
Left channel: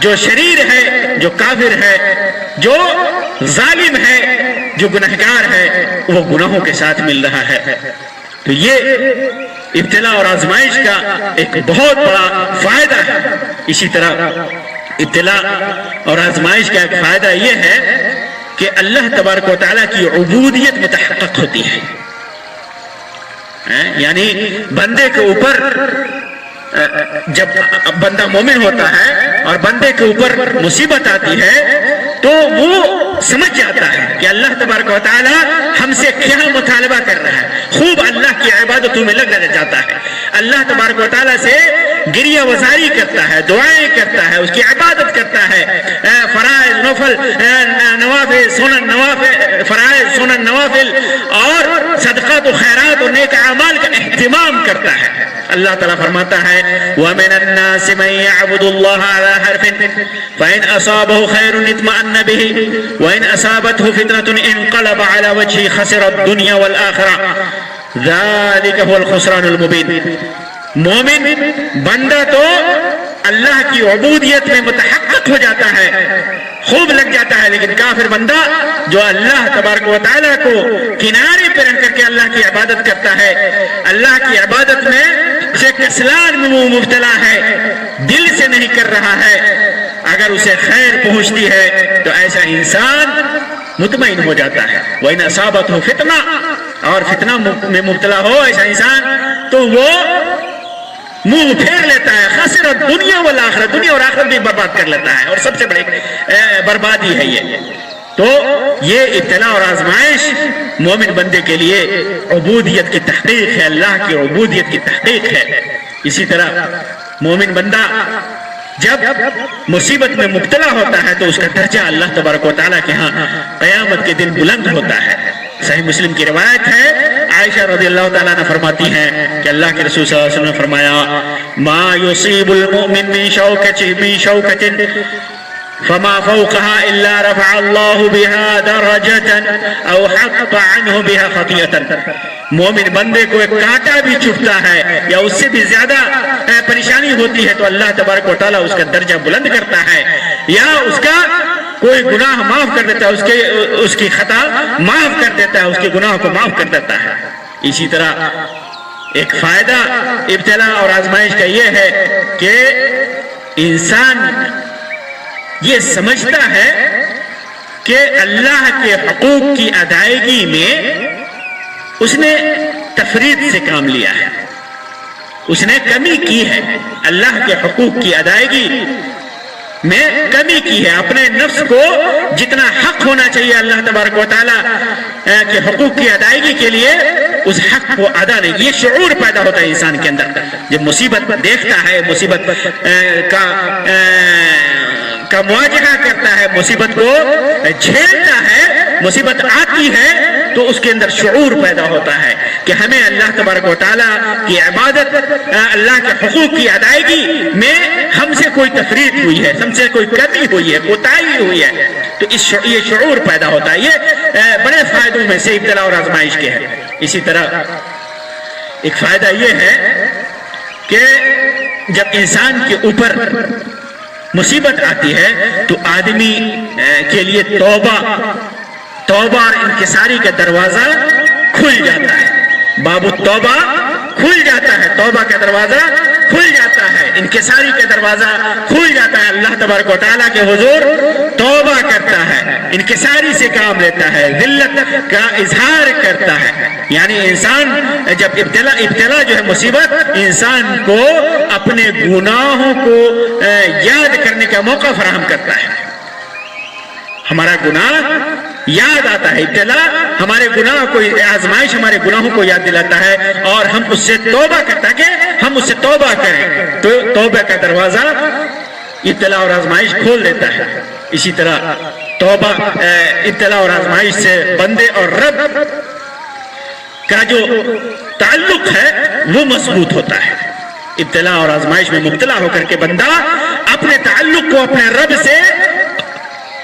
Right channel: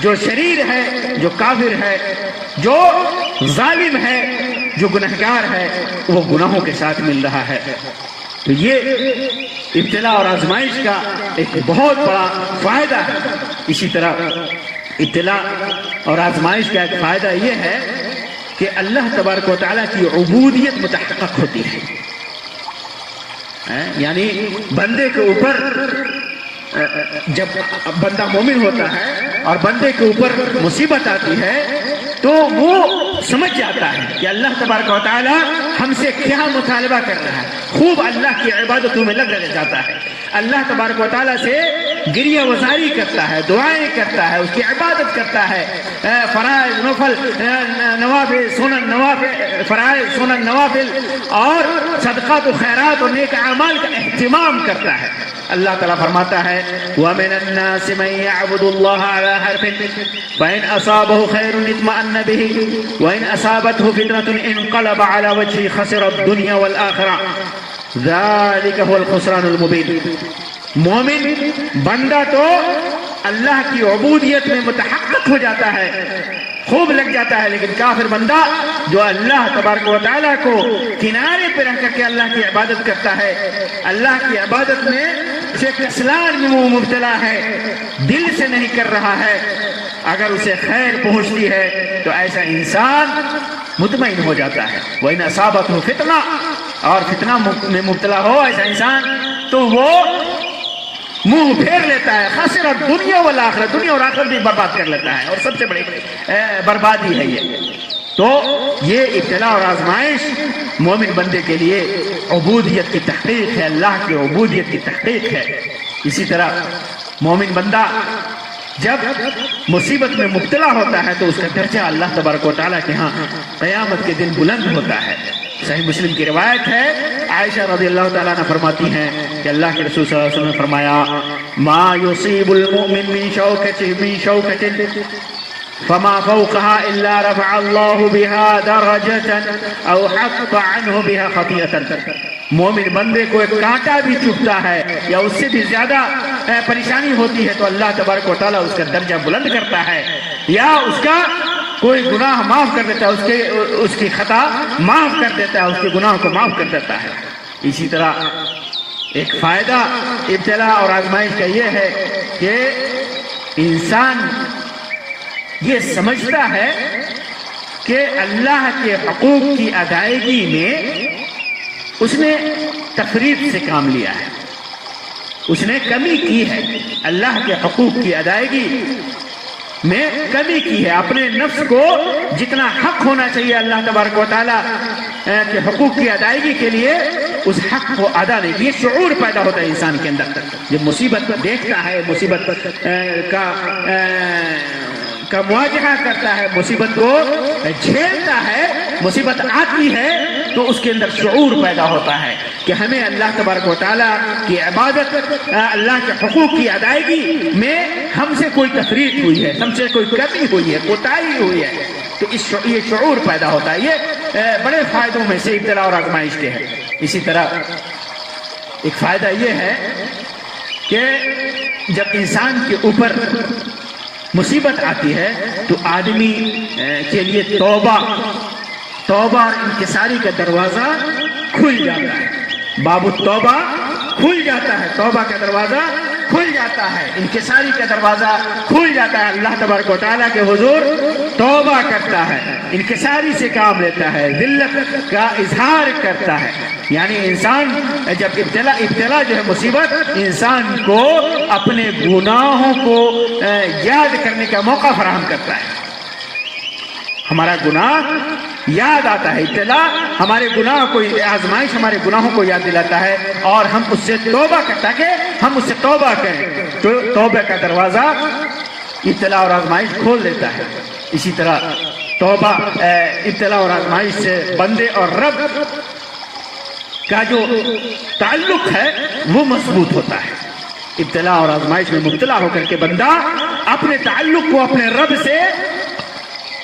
جو شریر ہے، جو کافر ہے، جو ظالم ہے، جو گنہگار ہے، وہ گناہوں کے ساتھ مل رہا ہے۔ تو یہ ابتلا اور آزمائش کا ایک بہت بڑا فائدہ ہے۔ اسی طرح ابتلا اور آزمائش کا ایک فائدہ یہ ہے کہ اللہ تبارک و تعالیٰ کی عبودیت متحقق ہوتی ہے، یعنی بندے کے اوپر جب بندہ مومن ہوتا ہے اور بندے کے اوپر مصیبت آتی ہے تو وہ سمجھ جاتا ہے کہ اللہ تبارک و تعالیٰ ہم سے کیا مطالبہ کر رہا ہے، خوب اللہ کی عبادتوں میں لگ جاتا ہے، اللہ تبارک و تعالیٰ سے گریہ وزاری کرتا ہے، دعائیں کرتا ہے، اس کی عبادت کرتا ہے، فرائض نفل نوافل سنن نوافل فرائض سنن نوافل اور صدقات و خیرات اور نیک اعمال کا اہتمام کرتا ہے۔ اللہ تعالیٰ فرماتا ہے وَمِنَ النَّاسِ مَن يَعْبُدُ اللَّهَ عَلَى حَرْفٍ فَإِنْ أَصَابَهُ خَيْرٌ اطْمَأَنَّ بِهِ وَإِنْ أَصَابَتْهُ فِتْنَةٌ انقلب على وجهه خسر الدنيا والآخرة ذلك هو الخسران المبين۔ مومن بندہ تو اللہ کی عبودیت میں متحقق ہو جاتا ہے، خوب لگ جاتا ہے، لیکن کافر بندہ جو اللہ تبارک و تعالیٰ کو کنارے پہ رہ کر کے اللہ کی عبادت کرتا ہے، اللہ کی عبادت میں سے کسلان میں وہ مبتلا ہے، دل سے نہیں کر رہا ہے، اگر اسے خیر پہنچتی ہے تو ایسا انسان مطمئن ہو جاتا ہے۔ وَإِنْ أَصَابَتْهُ فِتْنَةٌ، اور فتنہ میں مبتلا ہو ایسا انسان تو وہ منہ پھیر لیتا ہے، خسر الدنیا والآخرہ، دنیا اور آخرت بھی برباد کر لیتا ہے، اور سب سے بڑی بربادی ہے یہ۔ تو یہ ابتلا اور آزمائش مومن بندے کے لیے عبودیت کی تحقیق ہے، اللہ کی عبودیت کی تحقیق ہے۔ اسی طرح مومن بندہ جب مصیبت میں مبتلا ہوتا ہے تو اس کا درجہ اللہ تبارک و تعالیٰ کے ہاں قیامت کے دن بلند ہوتا ہے۔ صحیح مسلم کی روایت ہے، عائشہ رضی اللہ تعالیٰ عنہ فرماتی ہیں کہ اللہ کے رسول صلی اللہ علیہ وسلم نے فرمایا ما يصيب المؤمن من شوكة فما فوقها إلا رفع الله بها درجة أو حط عنه بها خطيئة۔ مومن بندے کو ایک کانٹا بھی چبھتا ہے یا اس سے بھی زیادہ پریشانی ہوتی ہے تو اللہ تبارک و تعالیٰ اس کا درجہ بلند کرتا ہے، یا اس کا کوئی گناہ معاف کر دیتا ہے، اس کی خطا معاف کر دیتا ہے، اس کے گناہ کو معاف کر دیتا ہے۔ اسی طرح ایک فائدہ ابتلا اور آزمائش کا یہ ہے کہ انسان یہ سمجھتا ہے کہ اللہ کے حقوق کی ادائیگی میں اس نے تفرید سے کام لیا ہے، اس نے کمی کی ہے، اللہ کے حقوق کی ادائیگی میں کمی کی ہے، اپنے نفس کو جتنا حق ہونا چاہیے اللہ تبارک و تعالیٰ کے حقوق کی ادائیگی کے لیے اس حق کو ادا نہیں۔ یہ شعور پیدا ہوتا ہے انسان کے اندر جب مصیبت دیکھتا ہے، مصیبت کا مواجہہ کرتا ہے، مصیبت کو جھیلتا ہے، مصیبت آتی ہے تو اس کے اندر شعور پیدا ہوتا ہے کہ ہمیں اللہ تبارک و تعالیٰ کی عبادت، اللہ کے حقوق کی ادائیگی میں ہم سے کوئی تفریط ہوئی ہے، ہم سے کوئی کمی ہوئی ہے، کوتاہی ہوئی ہے، تو یہ شعور پیدا ہوتا ہے۔ یہ بڑے فائدوں میں سے ابتلا اور آزمائش کے ہیں۔ اسی طرح ایک فائدہ یہ ہے کہ جب انسان کے اوپر مصیبت آتی ہے تو آدمی کے لیے توبہ اور انکساری کا دروازہ کھل جاتا ہے، باب التوبہ کھل جاتا ہے، توبہ کا دروازہ کھل جاتا ہے، انکساری کا دروازہ کھل جاتا ہے، اللہ تبارک و تعالیٰ کے حضور توبہ کرتا ہے، انکساری سے کام لیتا ہے، ذلت کا اظہار کرتا ہے۔ یعنی انسان جب ابتلا جو ہے مصیبت انسان کو اپنے گناہوں کو یاد کرنے کا موقع فراہم کرتا ہے، ہمارا گناہ یاد آتا ہے، ابتلا ہمارے گناہ کو، آزمائش ہمارے گناہوں کو یاد دلاتا ہے اور ہم اس سے توبہ کرتا ہے کہ ہم اس سے توبہ کریں، تو توبہ کا دروازہ ابتلا اور آزمائش کھول دیتا ہے۔ اسی طرح توبہ ابتلا اور آزمائش سے بندے اور رب کا جو تعلق ہے وہ مضبوط ہوتا ہے، ابتلا اور آزمائش میں مبتلا ہو کر کے بندہ اپنے تعلق کو اپنے رب سے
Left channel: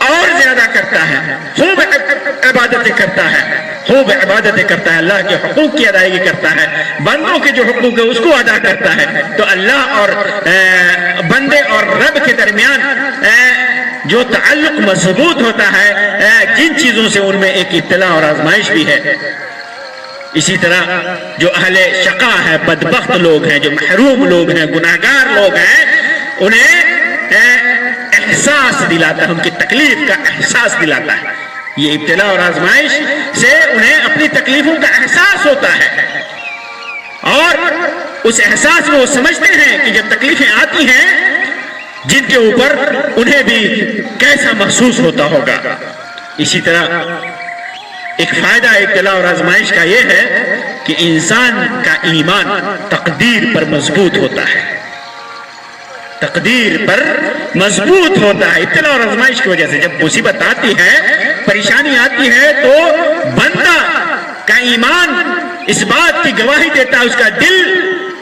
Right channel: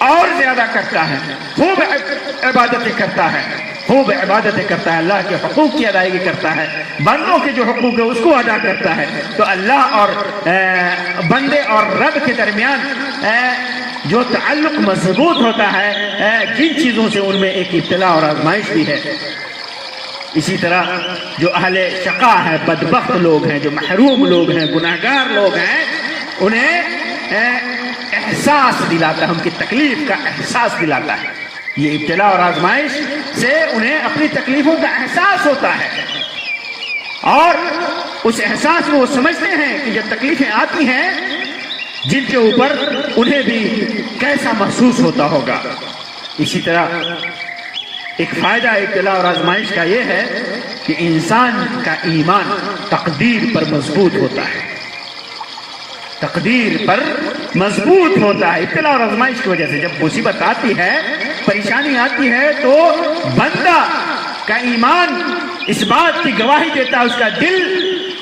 اور زیادہ کرتا ہے، خوب عبادتیں کرتا ہے، خوب عبادتیں کرتا ہے، اللہ کے حقوق کی ادائیگی کرتا ہے، بندوں کے جو حقوق ہے اس کو ادا کرتا ہے، تو اللہ اور بندے اور رب کے درمیان جو تعلق مضبوط ہوتا ہے، جن چیزوں سے ان میں ایک ابتلا اور آزمائش بھی ہے۔ اسی طرح جو اہل شقا ہے، بدبخت لوگ ہیں، جو محروم لوگ ہیں، گناہگار لوگ ہیں، انہیں احساس دلاتا ہے، ان کی تکلیف کا احساس دلاتا ہے۔ یہ ابتلا اور آزمائش سے انہیں اپنی تکلیفوں کا احساس ہوتا ہے، اور اس احساس میں وہ سمجھتے ہیں کہ جب تکلیفیں آتی ہیں جن کے اوپر انہیں بھی کیسا محسوس ہوتا ہوگا۔ اسی طرح ایک فائدہ ابتلا اور آزمائش کا یہ ہے کہ انسان کا ایمان تقدیر پر مضبوط ہوتا ہے، تقدیر پر مضبوط ہوتا ہے۔ ابتلا اور آزمائش کی وجہ سے جب مصیبت آتی ہے، پریشانی آتی ہے، تو بندہ کا ایمان اس بات کی گواہی دیتا ہے، اس کا دل،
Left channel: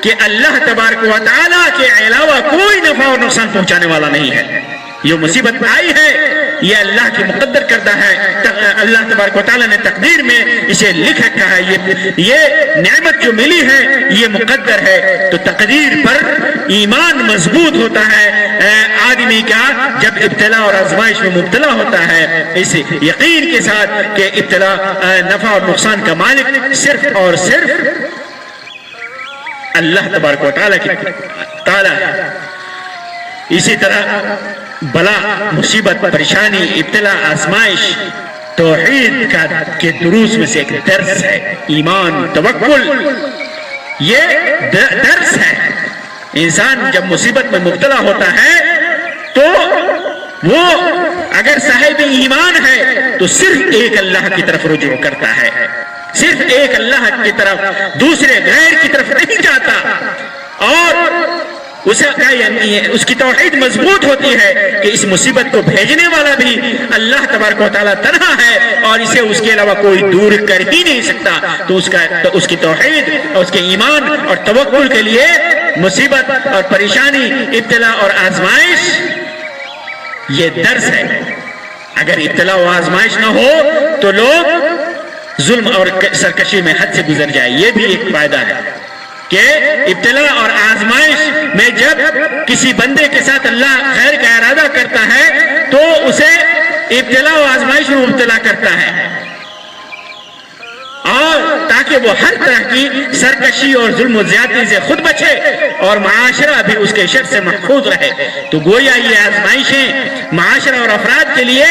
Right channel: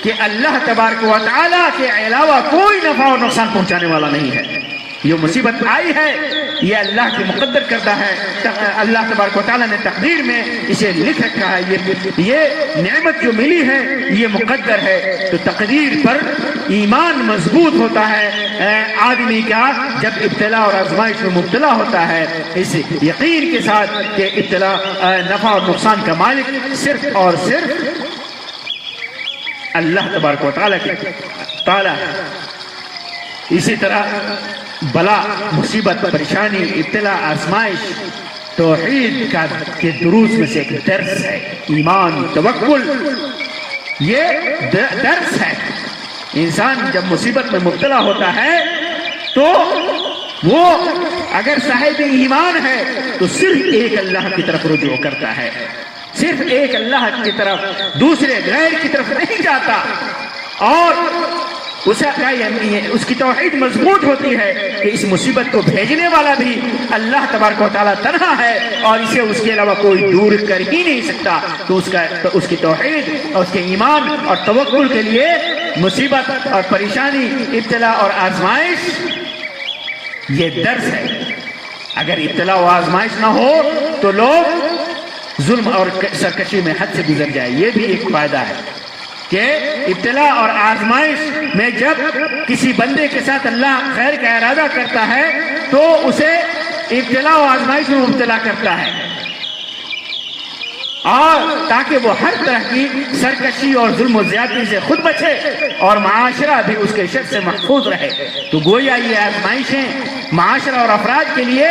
کہ اللہ تبارک و تعالیٰ کے علاوہ کوئی نفع اور نقصان پہنچانے والا نہیں ہے۔ یہ مصیبت آئی ہے، یہ اللہ کے مقدر کردہ ہے، اللہ تبارک و تعالیٰ نے تقدیر میں اسے لکھ رکھا ہے، یہ نعمت جو ملی ہے یہ مقدر ہے۔ تو تقدیر پر ایمان مضبوط ہوتا ہے آدمی کا جب ابتلا اور آزمائش میں مبتلا ہوتا ہے، اس یقین کے ساتھ کہ ابتلا نفع اور نقصان کا مالک صرف اور صرف اللہ تبارک و تعالیٰ ہے۔ اسی طرح بلا، مصیبت، پریشانی، ابتلا، آزمائش توحید کے دروس میں سے ایک درس ہے۔ ایمان، توکل، یہ درس ہے۔ انسان جب مصیبت میں مبتلا ہوتا ہے تو وہ اگر صاحب ایمان ہے تو صرف ایک اللہ کی طرف رجوع کرتا ہے، صرف ایک اللہ کی طرف، دوسرے غیر کی طرف نہیں جاتا، اور اس کی توحید مضبوط ہوتی ہے کہ اس مصیبت کو بھیجنے والا بھی اللہ تبارک و تعالیٰ تنہا ہے، اور اسے اس کے علاوہ کوئی دور کر ہی نہیں سکتا۔ تو اس کی توحید اور اس کے ایمان اور توکل کے لیے مصیبت اور پریشانی، ابتلا اور آزمائش یہ درس ہے۔ اگر ابتلا و آزمائش نہ ہو تو لوگ ظلم اور سرکشی میں حد سے گزر جائے۔ یہ بھی ایک فائدہ ہے کہ ابتلا اور آزمائش میں جب کسی بندے کے ساتھ اللہ خیر کا ارادہ کرتا ہے تو اسے ابتلا و آزمائش میں مبتلا کرتا ہے، اور تاکہ وہ ہر طرح کی سرکشی اور ظلم و زیادتی سے خود بچے اور معاشرہ بھی اس کے شر سے محفوظ رہے۔ تو گویا یہ آزمائشیں معاشرہ اور افراد کے لیے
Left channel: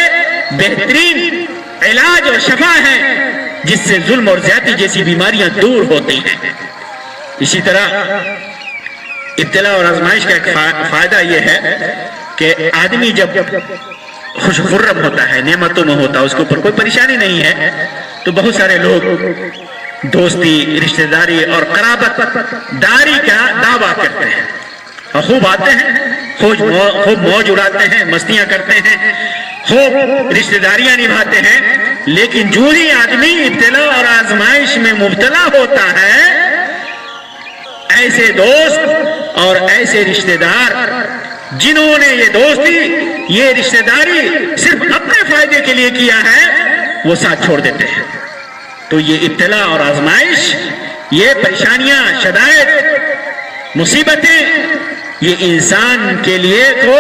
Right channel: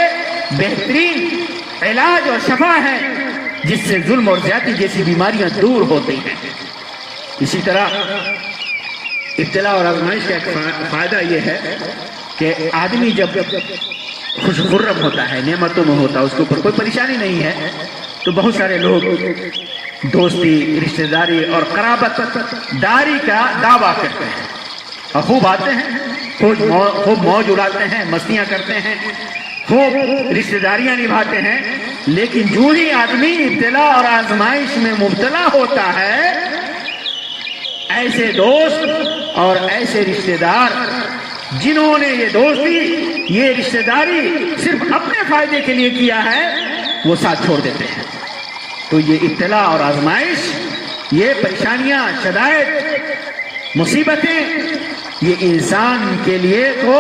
بہترین علاج اور شفا ہے، جس سے ظلم اور زیادتی جیسی بیماریاں دور ہوتی ہیں۔ اسی طرح ابتلا اور آزمائش کا ایک فائدہ یہ ہے کہ آدمی جب خوش خرم ہوتا ہے، نعمتوں میں ہوتا ہے، اس کے اوپر کوئی پریشانی نہیں ہے، تو بہت سارے لوگ دوستی، رشتہ داری اور قرابت داری کا دعویٰ کرتے ہیں، اور خوب آتے ہیں، خوب موج اڑاتے ہیں، مستیاں کرتے ہیں، خوب رشتہ داریاں نبھاتے ہیں۔ لیکن جو ہی آدمی ابتلا اور آزمائش میں مبتلا ہوتا ہے، ایسے دوست اور ایسے رشتہ دار جنہوں نے یہ دوستی، یہ رشتہ داری صرف اپنے فائدے کے لیے کیا ہے، وہ ساتھ چھوڑ دیتے ہیں۔ تو یہ ابتلا اور آزمائش، یہ پریشانیاں، شدائد، مصیبتیں، یہ انسان کے لیے تو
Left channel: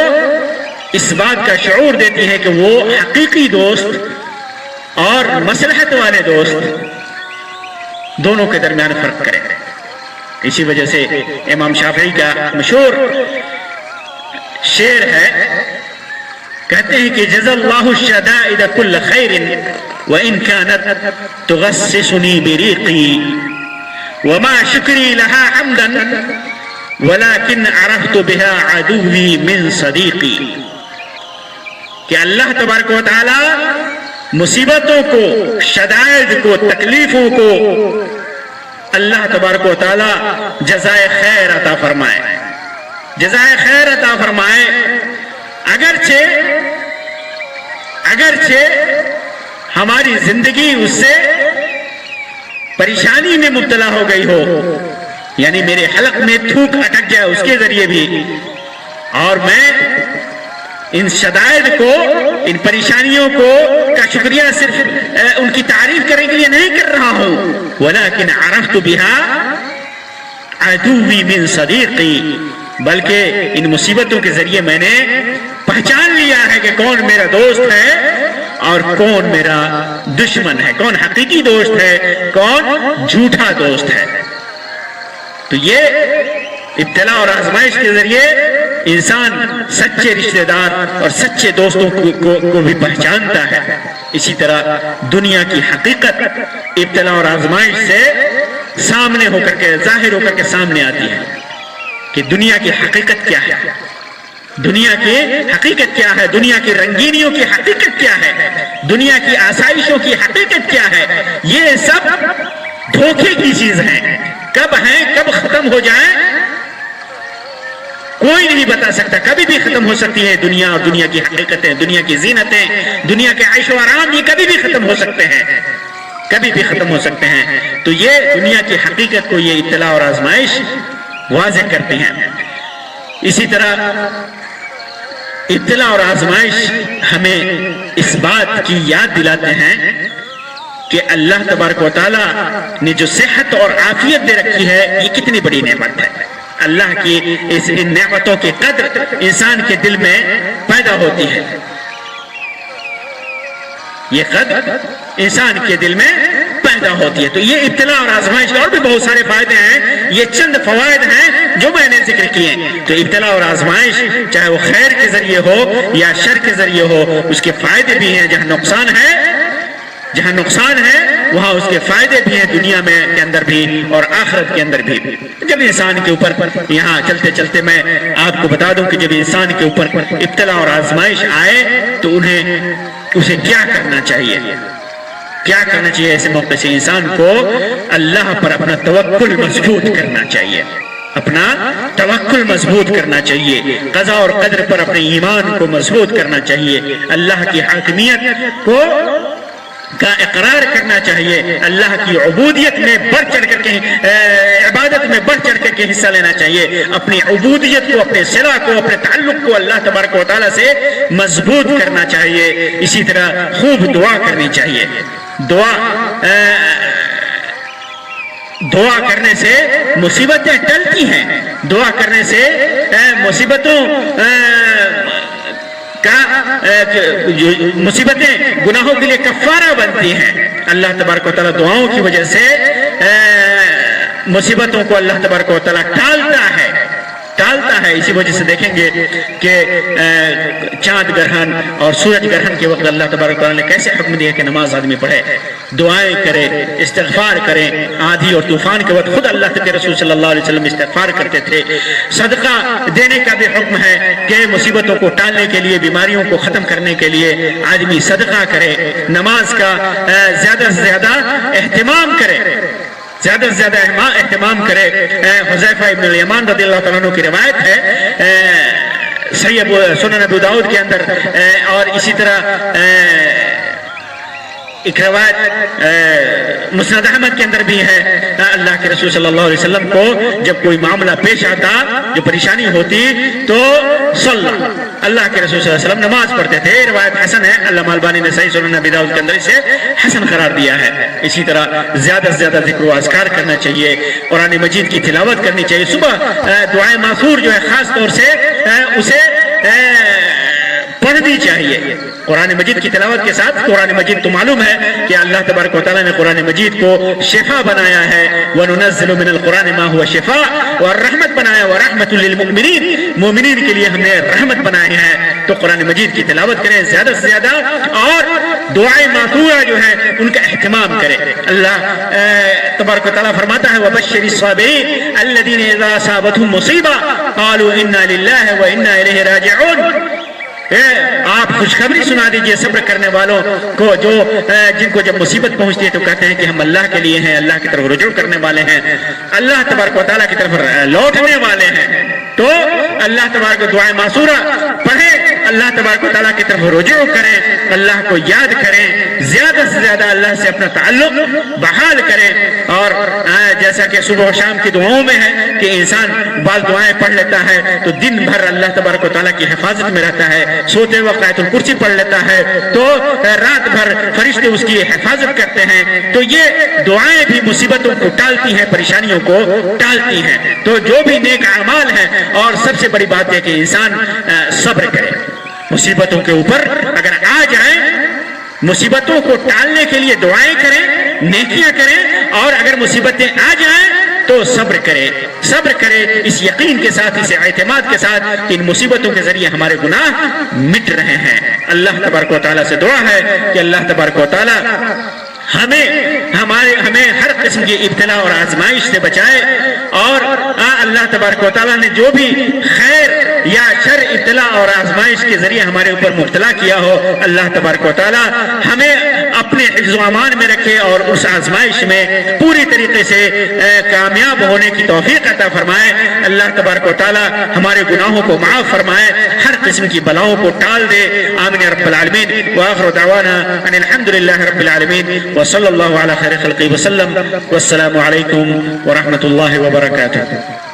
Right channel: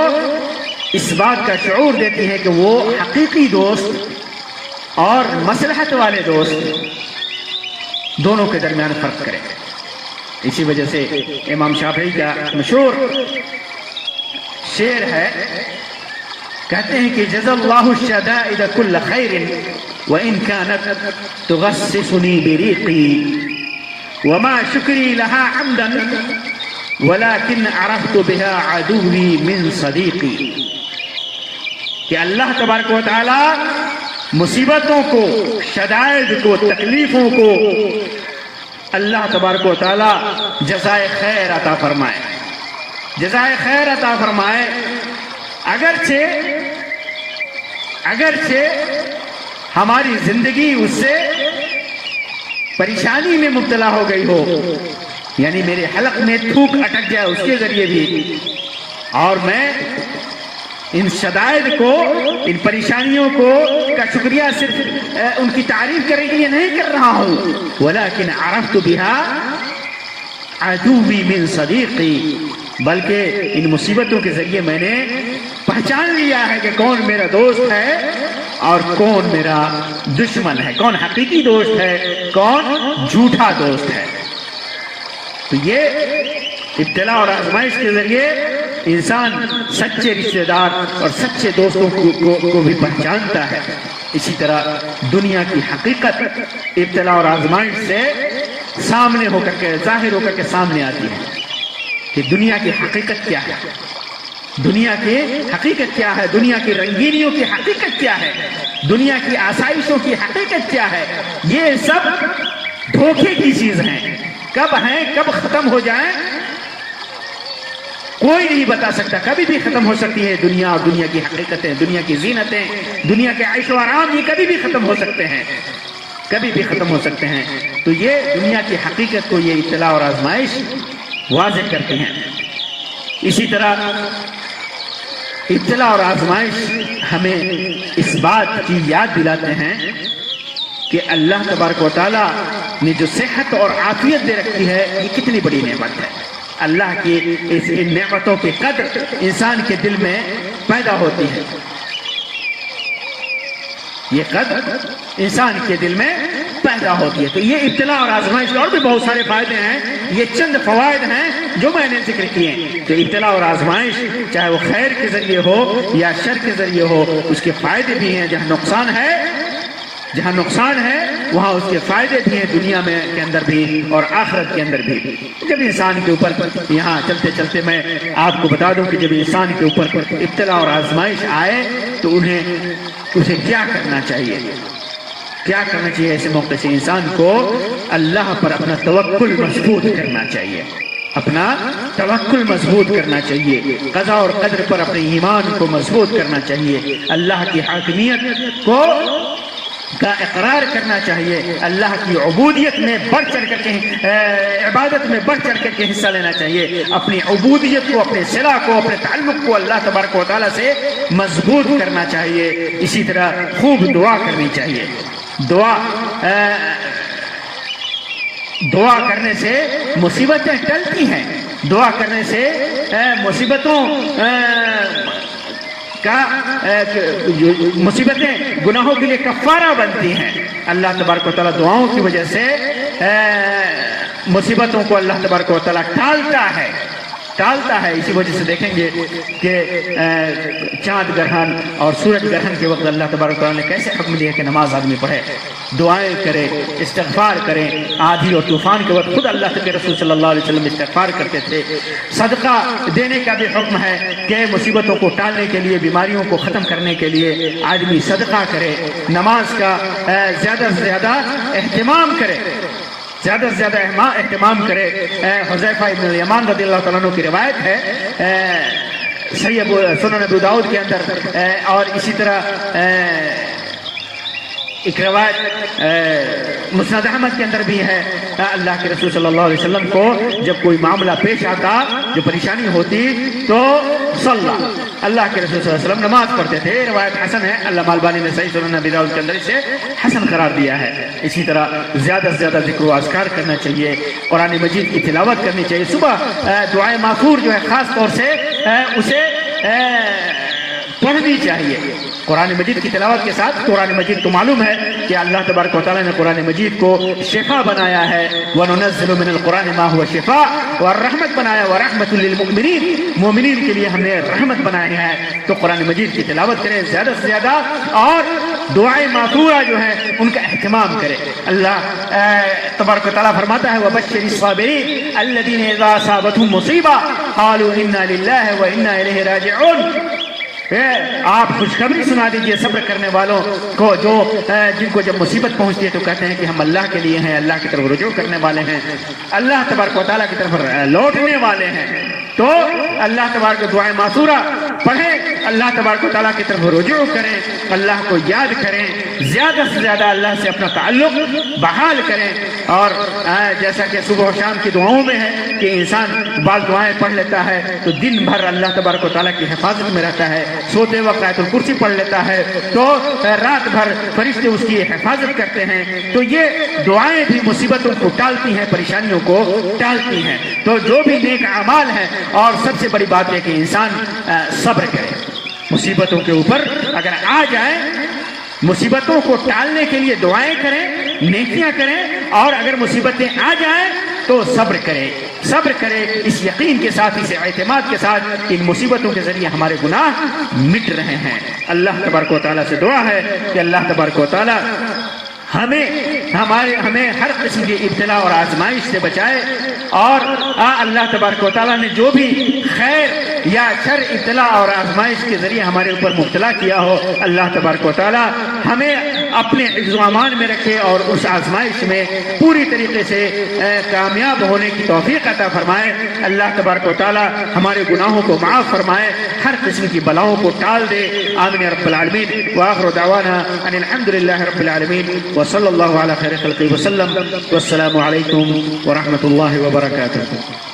اس بات کا شعور دیتی ہے کہ وہ حقیقی دوست اور مصلحت والے دوست دونوں کے درمیان فرق کریں۔ اسی وجہ سے امام شافعی کا مشہور شعر ہے، کہتے ہیں کہ جزا اللہ الشدائد کل خیر وإن كانت تغسسني بريقي وما شكري لها حمدا ولكن عرفت بها عدوي من صديقي۔ کہ اللہ تبارک و تعالی مصیبتوں کو، شدائد کو، تکلیفوں کو اللہ تبارک و تعالی جزائے خیر عطا فرمائے، جزائے خیر عطا فرمائے۔ اگرچہ ہماری زندگی اس سے پریشانی میں مبتلا ہو گئی ہو، یعنی میرے حلق میں تھوک اٹک جائے اس کے ذریعے بھی، اور میں ان شدائد کو، ان پریشانیوں کو کا شکریہ صرف ان کی تعریف کرنے کے لیے نہیں کر رہا ہوں، ولیکن عرفت بها عدوی من صدیقی، بلکہ ان مصیبتوں کے ذریعے میں نے پہچان لیا ہے کہ کون میرا دوست ہے اور کون میرا دشمن ہے، کون حقیقی دوست ہے، کون جھوٹا دوست ہے۔ تو یہ ابتلا اور آزمائش کے ذریعے انسان سچے رشتہ دار اور سچے دوستوں کو بھی پہچانتا ہے۔ اسی طرح دنیا کی حقیقت ابتلا اور آزمائش سے سامنے ہو کر کے، ظاہر ہو کر کے سامنے آتی ہے کہ دنیا کی حقیقت کیا ہے، دنیا کی حقیقت کیا ہے، دنیا کی رنگینیوں کی حقیقت کیا ہے، دنیا کی آسائشوں کی حقیقت کیا ہے۔ یہ سب دھوکے کی چیز ہیں، کب ہیں کب ختم ہو جائیں کوئی نہیں بتا سکتا، کبھی بھی ختم ہو سکتی ہے دنیا اور دنیا کی حقیقتیں، دنیا کی زینتیں، دنیا کے عیش و آرام، یہ کبھی بھی ختم ہو سکتے ہیں، کبھی بھی ختم ہو سکتے ہیں۔ تو یہ دنیا کی حقیقت کو یہ ابتلا اور آزمائش واضح کرتی ہیں۔ اسی طرح ابتلا اور آزمائش ہمیں اس بات کی یاد دلاتے ہیں کہ اللہ تبارک و تعالیٰ نے جو صحت اور عافیت دے رکھی ہے یہ کتنی بڑی نعمت ہے۔ اللہ کی ان نعمتوں کی قدر انسان کے دل میں پیدا ہوتی ہے، یہ قدر انسان کے دل میں پیدا ہوتی ہے۔ تو یہ ابتلا اور آزمائش اور بھی بہت سارے فائدے ہیں، یہ چند فوائد ہیں جو میں نے ذکر کیے۔ تو ابتلا اور آزمائش چاہے وہ خیر کے ذریعے ہو یا شر کے ذریعے ہو، اس کے فائدے بھی ہیں۔ جہاں نقصان ہے وہاں اس کے فائدے بھی ہیں، دنیا میں کے اندر بھی اور آخرت کے اندر بھی۔ جب انسان کے اوپر، یہاں چلتے چلتے میں آپ کو بتا دوں کہ جب انسان کے اوپر ابتلا اور آزمائش آئے تو اسے کیا کرنا چاہیے، کیا کرنا چاہیے؟ ایسے موقع سے انسان کو اللہ پر اپنا توکل مضبوط کرنا چاہیے، اپنا توکل مضبوط کرنا چاہیے، قضا اور قدر پر اپنے ایمان کو مضبوط کرنا چاہیے، اللہ کی حاکمیت کا اقرار کرنا چاہیے، اللہ کی عبودیت میں بڑھ چڑھ کر کے، عبادت میں بڑھ چڑھ کر کے حصہ لینا چاہیے، اپنی عبودیت کو، اپنے صلہ کو، اپنے تعلق کو اللہ تبارک و تعالیٰ سے مضبوط کرنا چاہیے۔ اسی طرح خوب دعا کرنی چاہیے۔ دعا کرنے سے مصیبتیں ٹلتی ہیں، دعا کرنے سے مصیبتیں گناہوں کے لیے کفارہ بنتی ہیں۔ اللہ تبارک و تعالیٰ دعاؤں کی وجہ سے مصیبتوں کو اللہ تبارک و تعالیٰ ٹالتا ہے۔ اسی وجہ سے دیکھیں گے کہ چاند گرہن اور سورج گرہن کے وقت اللہ تبارک و تعالیٰ نے کیسے حکم دیا کہ نماز آدمی پڑھے، دعائیں کرے، استغفار کرے۔ آندھی اور طوفان کے وقت خود اللہ کے رسول صلی اللہ علیہ وسلم استغفار کرتے تھے۔ صدقہ دینے کا بھی حکم ہے کہ مصیبتوں کو ٹالنے کے لیے، بیماریوں کو ختم کرنے کے لیے آدمی صدقہ کرے، نماز کا زیادہ سے زیادہ اہتمام کرے، اہتمام کرے۔ حذیفہ ابن الیمان رضی اللہ تعالیٰ عنہ کی روایت ہے سنن ابو داؤد کے اندر، اور اسی طرح ایک روایت مسند احمد کے اندر بھی ہے، اللہ کے رسول صلی اللہ علیہ وسلم کو جب کوئی معاملہ پیش آتا، جو پریشانی ہوتی، تو اللہ کے رسول صلی اللہ علیہ وسلم نماز پڑھتے تھے۔ روایت حسن ہے، علامہ البانی نے صحیح سنن ابی داؤد کے اندر اسے حسن قرار دیا ہے۔ اسی طرح زیادہ سے زیادہ ذکر و اذکار کرنا چاہیے، قرآن مجید کی تلاوت کرنی چاہیے۔ صبح دعائے ماثور جو ہے خاص طور سے اسے پڑھنی چاہیے۔ قرآن مجید کی تلاوت کے ساتھ، قرآن مجید تو معلوم ہے کہ اللہ تبارک و تعالیٰ نے قرآن مجید کو شفا بنایا ہے، وَنُنَزِّلُ مِنَ الْقُرْآنِ مَا هُوَ شِفَاءٌ، اور رحمت بنایا، وَرَحْمَةٌ لِلْمُؤْمِنِينَ، مومنین کے لیے ہم نے رحمت بنایا ہے۔ تو قرآن مجید کی تلاوت کریں زیادہ سے زیادہ، اور دعائیں ماثورہ جو ہے ان کا اہتمام کریں۔ اللہ تبارک و تعالیٰ فرماتا ہے وَبَشِّرِ الصَّابِرِينَ الَّذِينَ إِذَا أَصَابَتْهُم مُّصِيبَةٌ قَالُوا إِنَّا لِلَّهِ وَإِنَّا إِلَيْهِ راجعون۔ آپ خوشخبری سنا دیجئے صبر کرنے والوں کو، جن کو جب مصیبت پہنچتی ہے تو کہتے ہیں کہ ہم اللہ کے لیے ہیں، اللہ کی طرف رجوع کرنے والے ہیں، اللہ تبارک و تعالیٰ کی طرف لوٹنے والے ہیں۔ تو اللہ تبارک دعائیں معصورہ پڑھیں، اللہ تبارک و تعالیٰ کی طرف رجوع کریں، اللہ کو یاد کریں، زیادہ سے زیادہ اللہ سے اپنا تعلق بحال کریں۔ اور جیسا کہ صبح و شام کی دعاؤں میں ہے کہ انسان بعض دعائیں پڑھ لیتا ہے تو دن بھر اللہ تبارک و تعالیٰ کی حفاظت میں رہتا ہے، سوتے وقت آیت الکرسی پڑھ لیتا ہے تو رات بھر فرشتے اس کی حفاظت کرتے ہیں. تو یہ دعائیں بھی مصیبتوں کو ٹالتی ہیں، پریشانیوں کو ٹالتی ہیں. تو جو بھی نیک اعمال ہیں، اور سب سے بڑی بات ہے کہ انسان صبر کرے. مصیبتوں کے اوپر اگر آ جائیں، مصیبتوں کو ٹالنے کے لیے دعائیں کریں، نیکیاں کریں، اور اگر مصیبتیں آ جائیں تو صبر کرے. صبر کرے اس یقین کے ساتھ، اس اعتماد کے ساتھ کہ ان مصیبتوں کے ذریعے ہمارے گناہ مٹ رہے ہیں. اللہ تبارک و تعالیٰ سے دعا ہے کہ اللہ تبارک و تعالیٰ ہمیں ہر قسم کی ابتلا اور آزمائش سے بچائے، اور اللہ تبارک و تعالیٰ نے جو بھی خیر یا شر، ابتلا اور آزمائش کے ذریعے ہمارے اوپر مبتلا کیا ہو، اللہ تبارک و تعالیٰ ہمیں اپنے حفظ و امان میں رکھے اور اس آزمائش میں پوری طریقے سے کامیاب ہونے کی توفیق عطا فرمائے. اللہ تبارک و تعالیٰ ہمارے گناہوں کو معاف فرمائے، ہر قسم کی بلاؤں کو ٹال دے. آمین یا رب العالمین. وآخر دعوانا ان الحمد للہ رب العالمین وصلی اللہ علی خیر خلقہ وسلم. والسلام علیکم ورحمۃ اللہ وبرکاتہ.